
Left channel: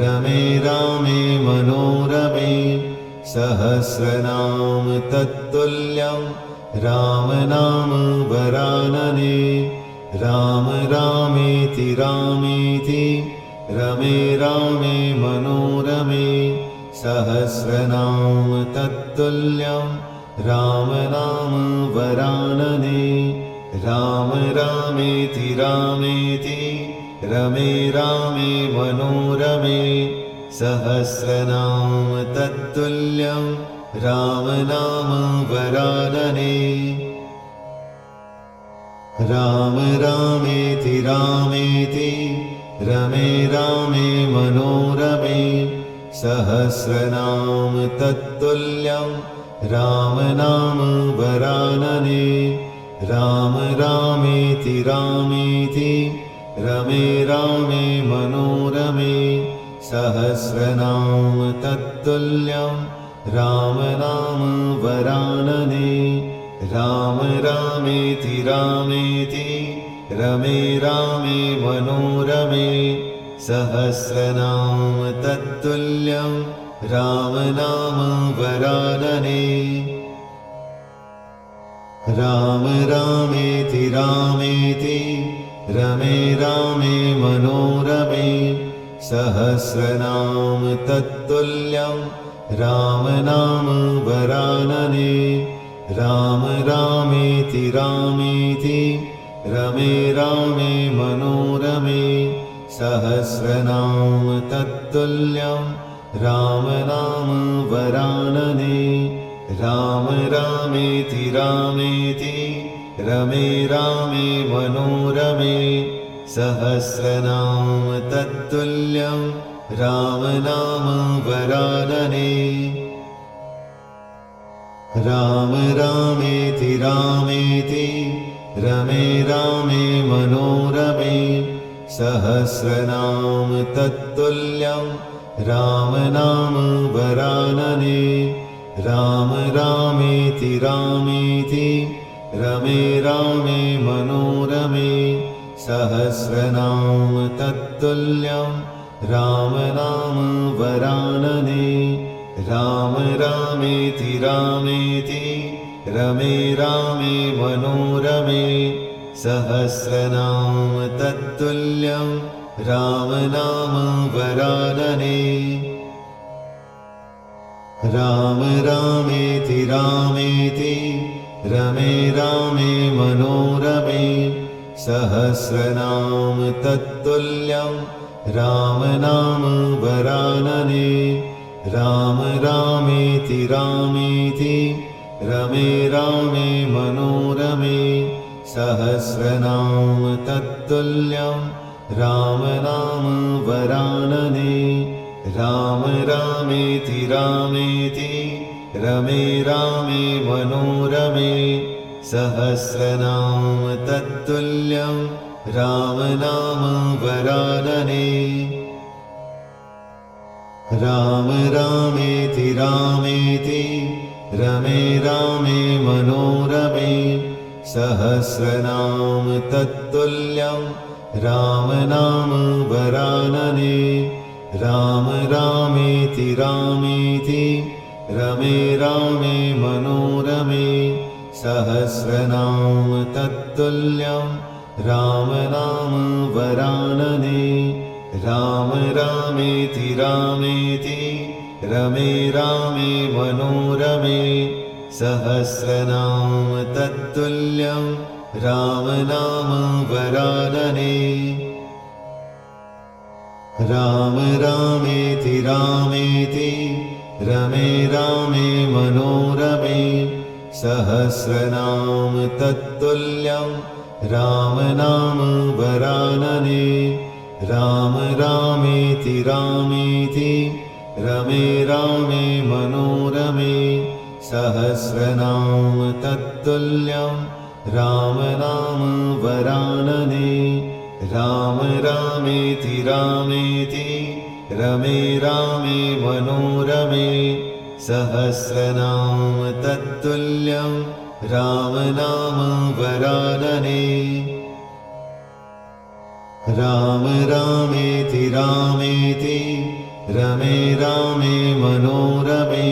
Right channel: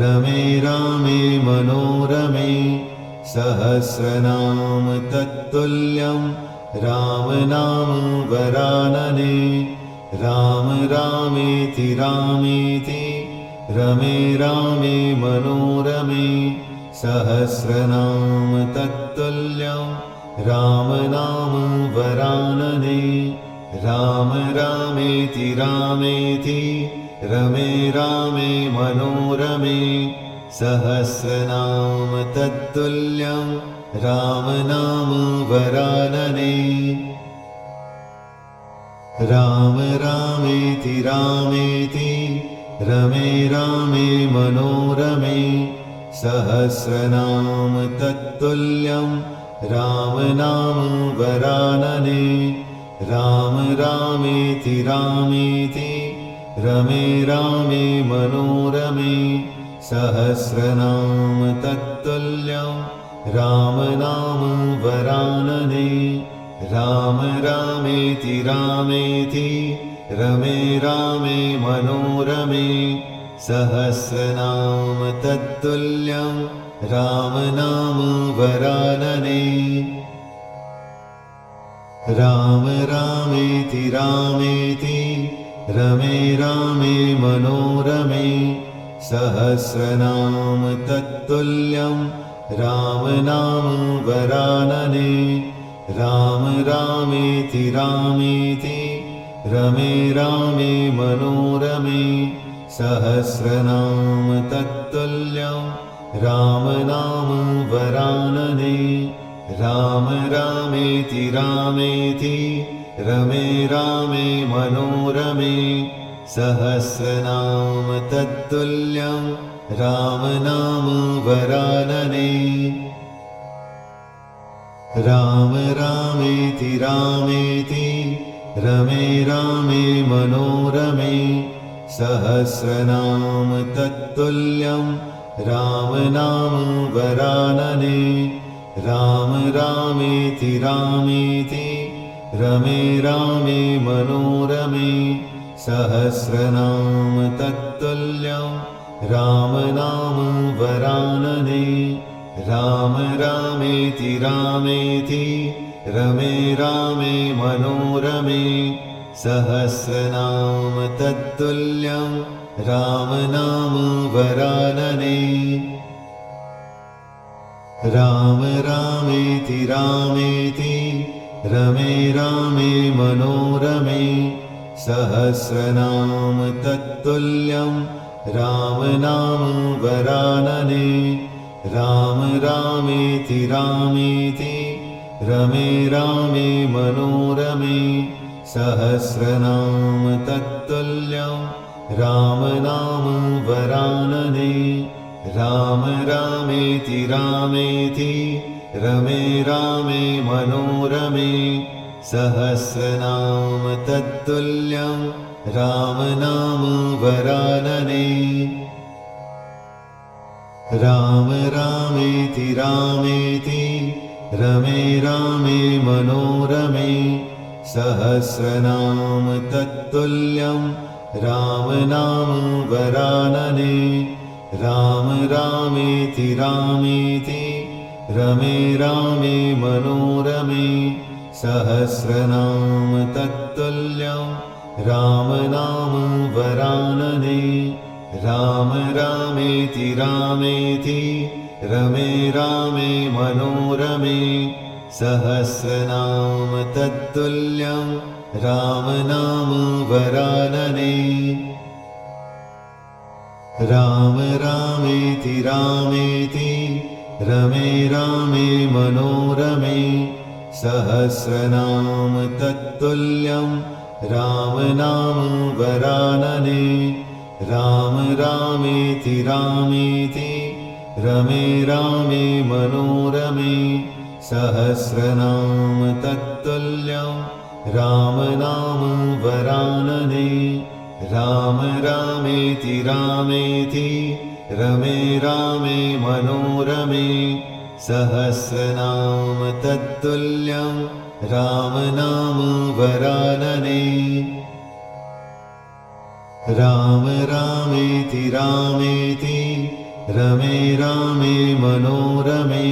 रमे रामे मनोरमे सहस्रनाम तत्तुल्यं राम नाम वरानने राम रामेति रामेति रमे रामे मनोरमे सहस्रनाम तत्तुल्यं राम नाम वरानने राम रामेति रामेति रमे रामे मनोरमे सहस्रनाम तत्तुल्यं राम नाम वरानने राम रामेति रामेति रमे रामे मनोरमे सहस्रनाम तत्तुल्यं राम नाम वरानने राम रामेति रामेति रमे रामे मनोरमे सहस्रनाम तत्तुल्यं राम नाम वरानने राम रामेति रामेति रमे रामे मनोरमे सहस्रनाम तत्तुल्यं राम नाम वरानने राम रामेति रामेति रमे रामे मनोरमे सहस्रनाम तत्तुल्यं राम नाम वरानने राम रामेति रामेति रमे रामे मनोरमे सहस्रनाम तत्तुल्यं राम नाम वरानने राम रामेति रामेति रमे रामे मनोरमे सहस्रनाम तत्तुल्यं राम नाम वरानने सहस्रनाम तत्तुल्यं राम नाम वरानने राम रामेति रामेति रमे रामे मनोरमे सहस्रनाम तत्तुल्यं राम नाम वरानने राम रामेति रामेति रमे रामे मनोरमे सहस्रनाम तत्तुल्यं राम नाम वरानने राम रामेति रामेति रमे रामे मनोरमे सहस्रनाम तत्तुल्यं राम नाम वरानने राम रामेति रामेति रमे रामे मनोरमे सहस्रनाम तत्तुल्यं राम नाम वरानने राम रामेति रामेति रमे रामे मनोरमे सहस्रनाम तत्तुल्यं राम नाम वरानने राम रामेति रामेति रमे रामे मनोरमे सहस्रनाम तत्तुल्यं राम नाम वरानने राम रामेति रामेति रमे रामे मनोरमे सहस्रनाम तत्तुल्यं राम नाम वरानने राम रामेति रामेति रमे रामे मनोरमे सहस्रनाम तत्तुल्यं राम नाम वरानने राम रामेति रामेति रमे रामे मनोरमे सहस्रनाम तत्तुल्यं राम नाम वरानने राम रामेति रामेति रमे रामे मनोरमे सहस्रनाम तत्तुल्यं राम नाम वरानने राम रामेति रामेति रमे रामे मनोरमे सहस्रनाम तत्तुल्यं राम नाम वरानने राम रामेति रामेति रमे रामे मनोरमे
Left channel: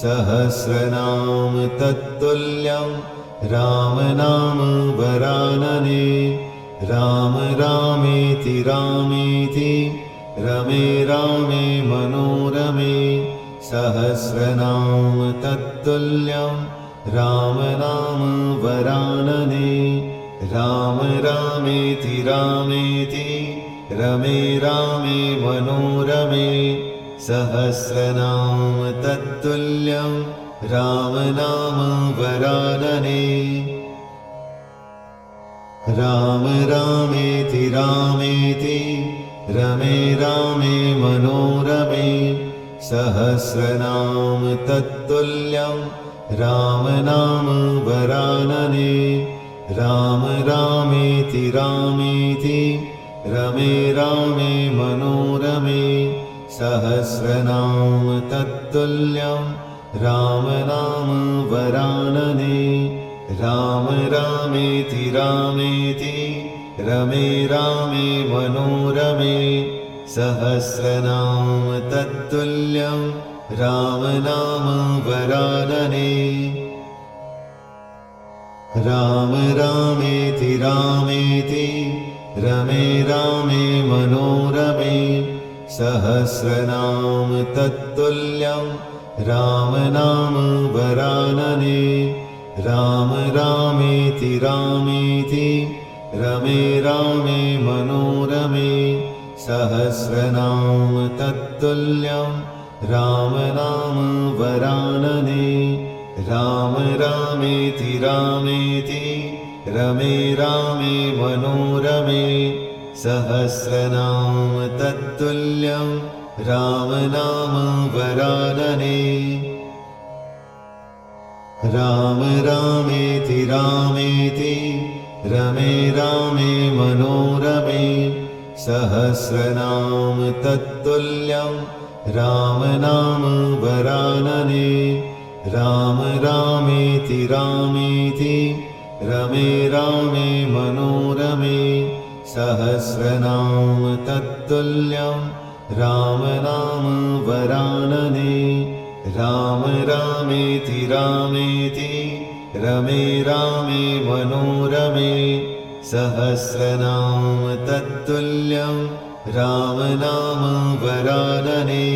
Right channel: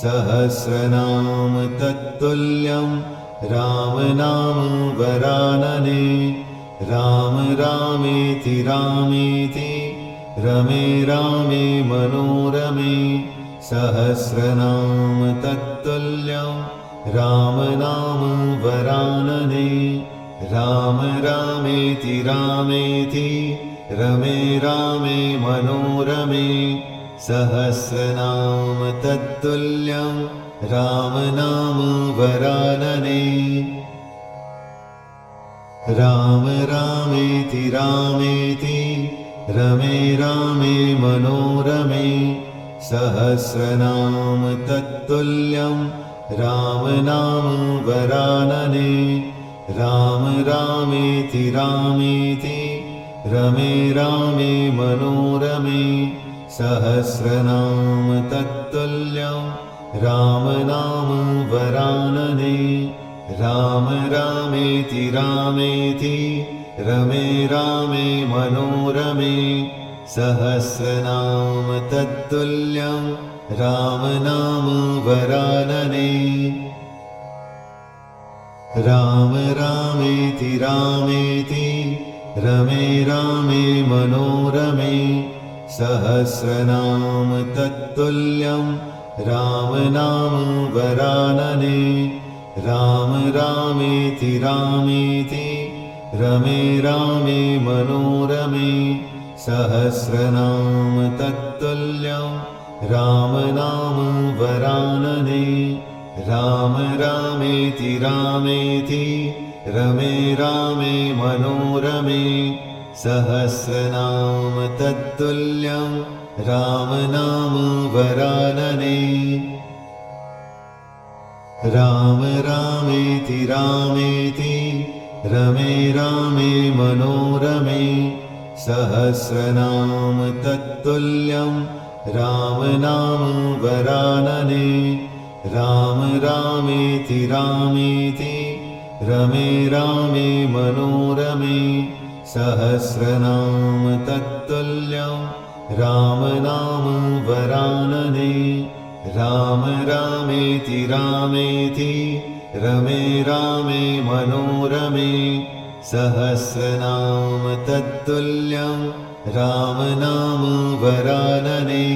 सहस्रनाम तत्तुल्यं राम नाम वरानने राम रामेति रामेति रमे रामे मनोरमे सहस्रनाम तत्तुल्यं राम नाम वरानने राम रामेति रामेति रमे रामे मनोरमे सहस्रनाम तत्तुल्यं राम नाम वरानने राम रामेति रामेति रमे रामे मनोरमे सहस्रनाम तत्तुल्यं राम नाम वरानने राम रामेति रामेति रमे रामे मनोरमे सहस्रनाम तत्तुल्यं राम नाम वरानने राम रामेति रामेति रमे रामे मनोरमे सहस्रनाम तत्तुल्यं राम नाम वरानने राम रामेति रामेति रमे रामे मनोरमे सहस्रनाम तत्तुल्यं राम नाम वरानने राम रामेति रामेति रमे रामे मनोरमे सहस्रनाम तत्तुल्यं राम नाम वरानने राम रामेति रामेति रमे रामे मनोरमे सहस्रनाम तत्तुल्यं राम नाम वरानने राम रामेति रामेति रमे रामे मनोरमे सह सहस्रनाम तत्तुल्यं राम नाम वरानने राम रामेति रामेति रमे रामे मनोरमे सहस्रनाम तत्तुल्यं राम नाम वरानने राम रामेति रामेति रमे रामे मनोरमे सहस्रनाम तत्तुल्यं राम नाम वरानने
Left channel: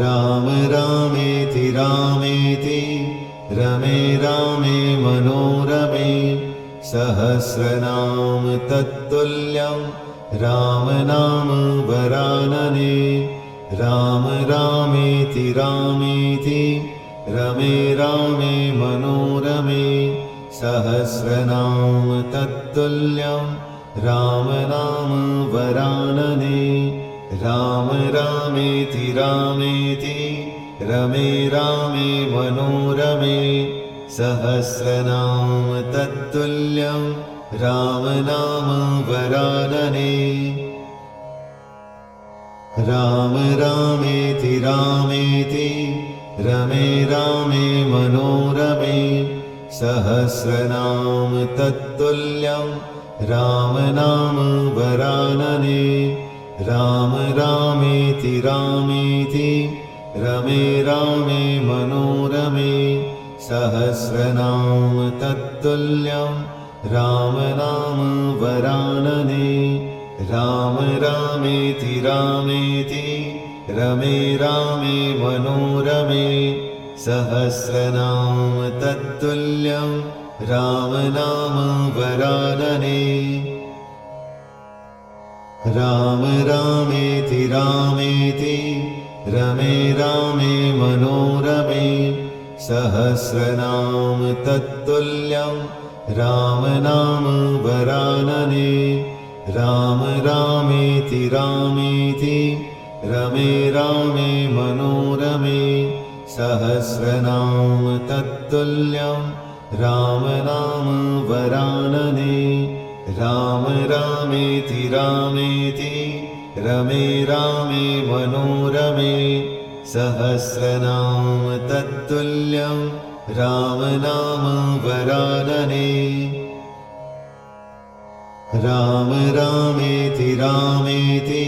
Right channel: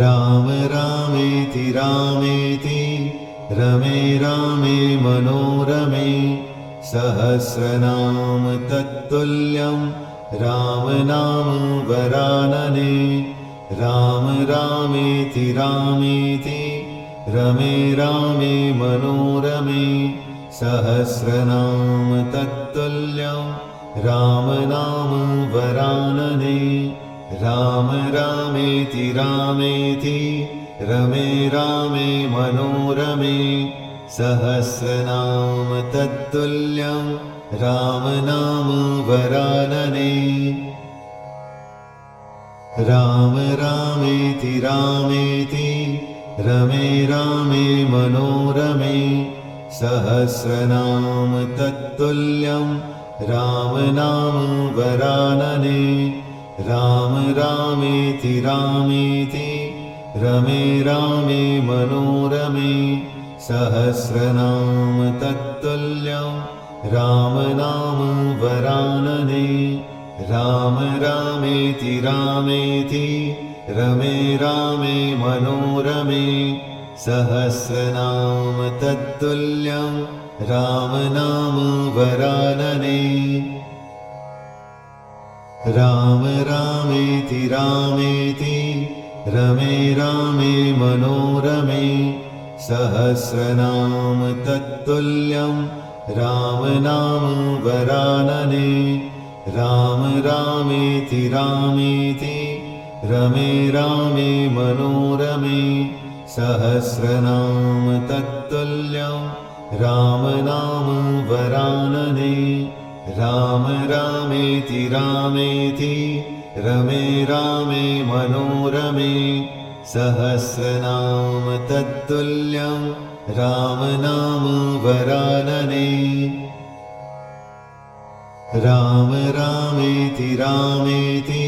राम रामेति रामेति रमे रामे मनोरमे सहस्रनाम तत्तुल्यं राम नाम वरानने राम रामेति रामेति रमे रामे मनोरमे सहस्रनाम तत्तुल्यं राम नाम वरानने राम रामेति रामेति रमे रामे मनोरमे सहस्रनाम तत्तुल्यं राम नाम वरानने राम रामेति रामेति रमे रामे मनोरमे सहस्रनाम तत्तुल्यं राम नाम वरानने राम रामेति रामेति रमे रामे मनोरमे सहस्रनाम तत्तुल्यं राम नाम वरानने राम रामेति रामेति रमे रामे मनोरमे सहस्रनाम तत्तुल्यं राम नाम वरानने राम रामेति रामेति रमे रामे मनोरमे सहस्रनाम तत्तुल्यं राम नाम वरानने राम रामेति रामेति रमे रामे मनोरमे सहस्रनाम तत्तुल्यं राम नाम वरानने राम रामेति रामेति रमे रामे मनोरमे सहस्रनाम तत्तुल्यं राम नाम वरानने राम रामेति रामेति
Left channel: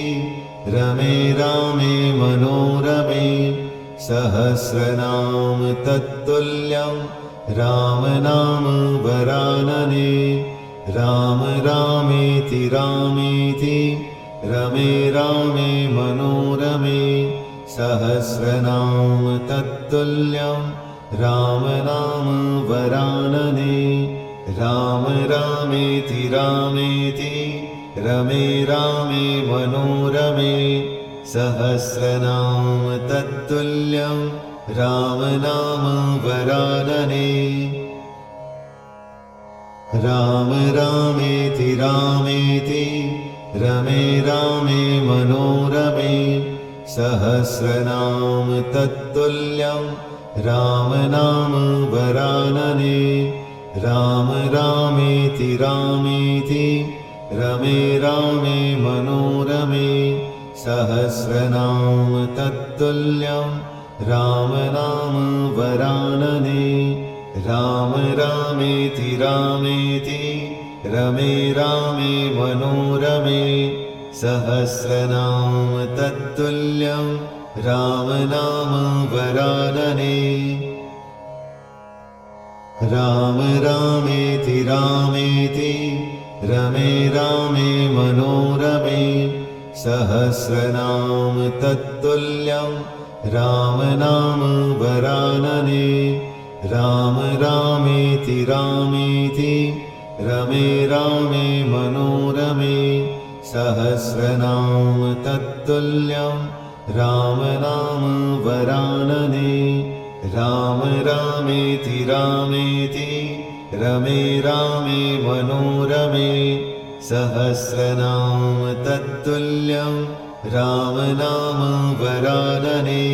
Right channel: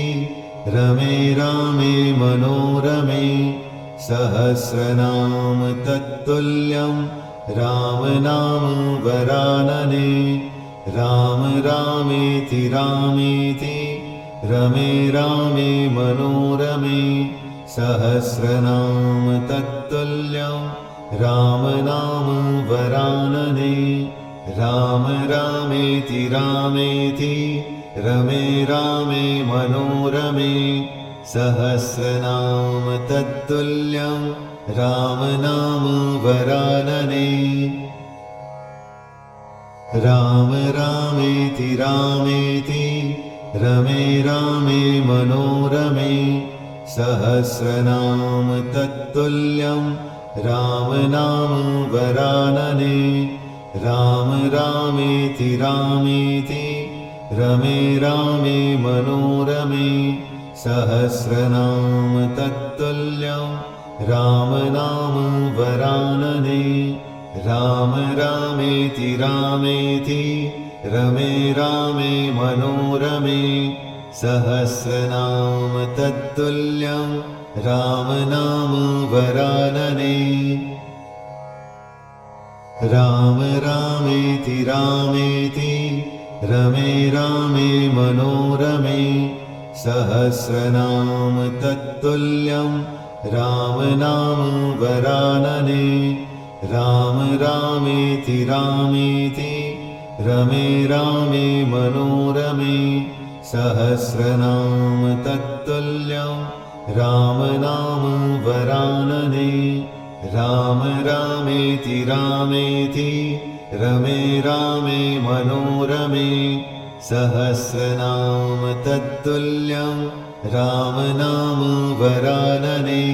रमे रामे मनोरमे सहस्रनाम तत्तुल्यं राम नाम वरानने राम रामेति रामेति रमे रामे मनोरमे सहस्रनाम तत्तुल्यं राम नाम वरानने राम रामेति रामेति रमे रामे मनोरमे सहस्रनाम तत्तुल्यं राम नाम वरानने राम रामेति रामेति रमे रामे मनोरमे सहस्रनाम तत्तुल्यं राम नाम वरानने राम रामेति रामेति रमे रामे मनोरमे सहस्रनाम तत्तुल्यं राम नाम वरानने राम रामेति रामेति रमे रामे मनोरमे सहस्रनाम तत्तुल्यं राम नाम वरानने राम रामेति रामेति रमे रामे मनोरमे सहस्रनाम तत्तुल्यं राम नाम वरानने राम रामेति रामेति रमे रामे मनोरमे सहस्रनाम तत्तुल्यं राम नाम वरानने राम रामेति रामेति रमे रामे मनोरमे सहस्रनाम तत्तुल्यं राम नाम वरानने।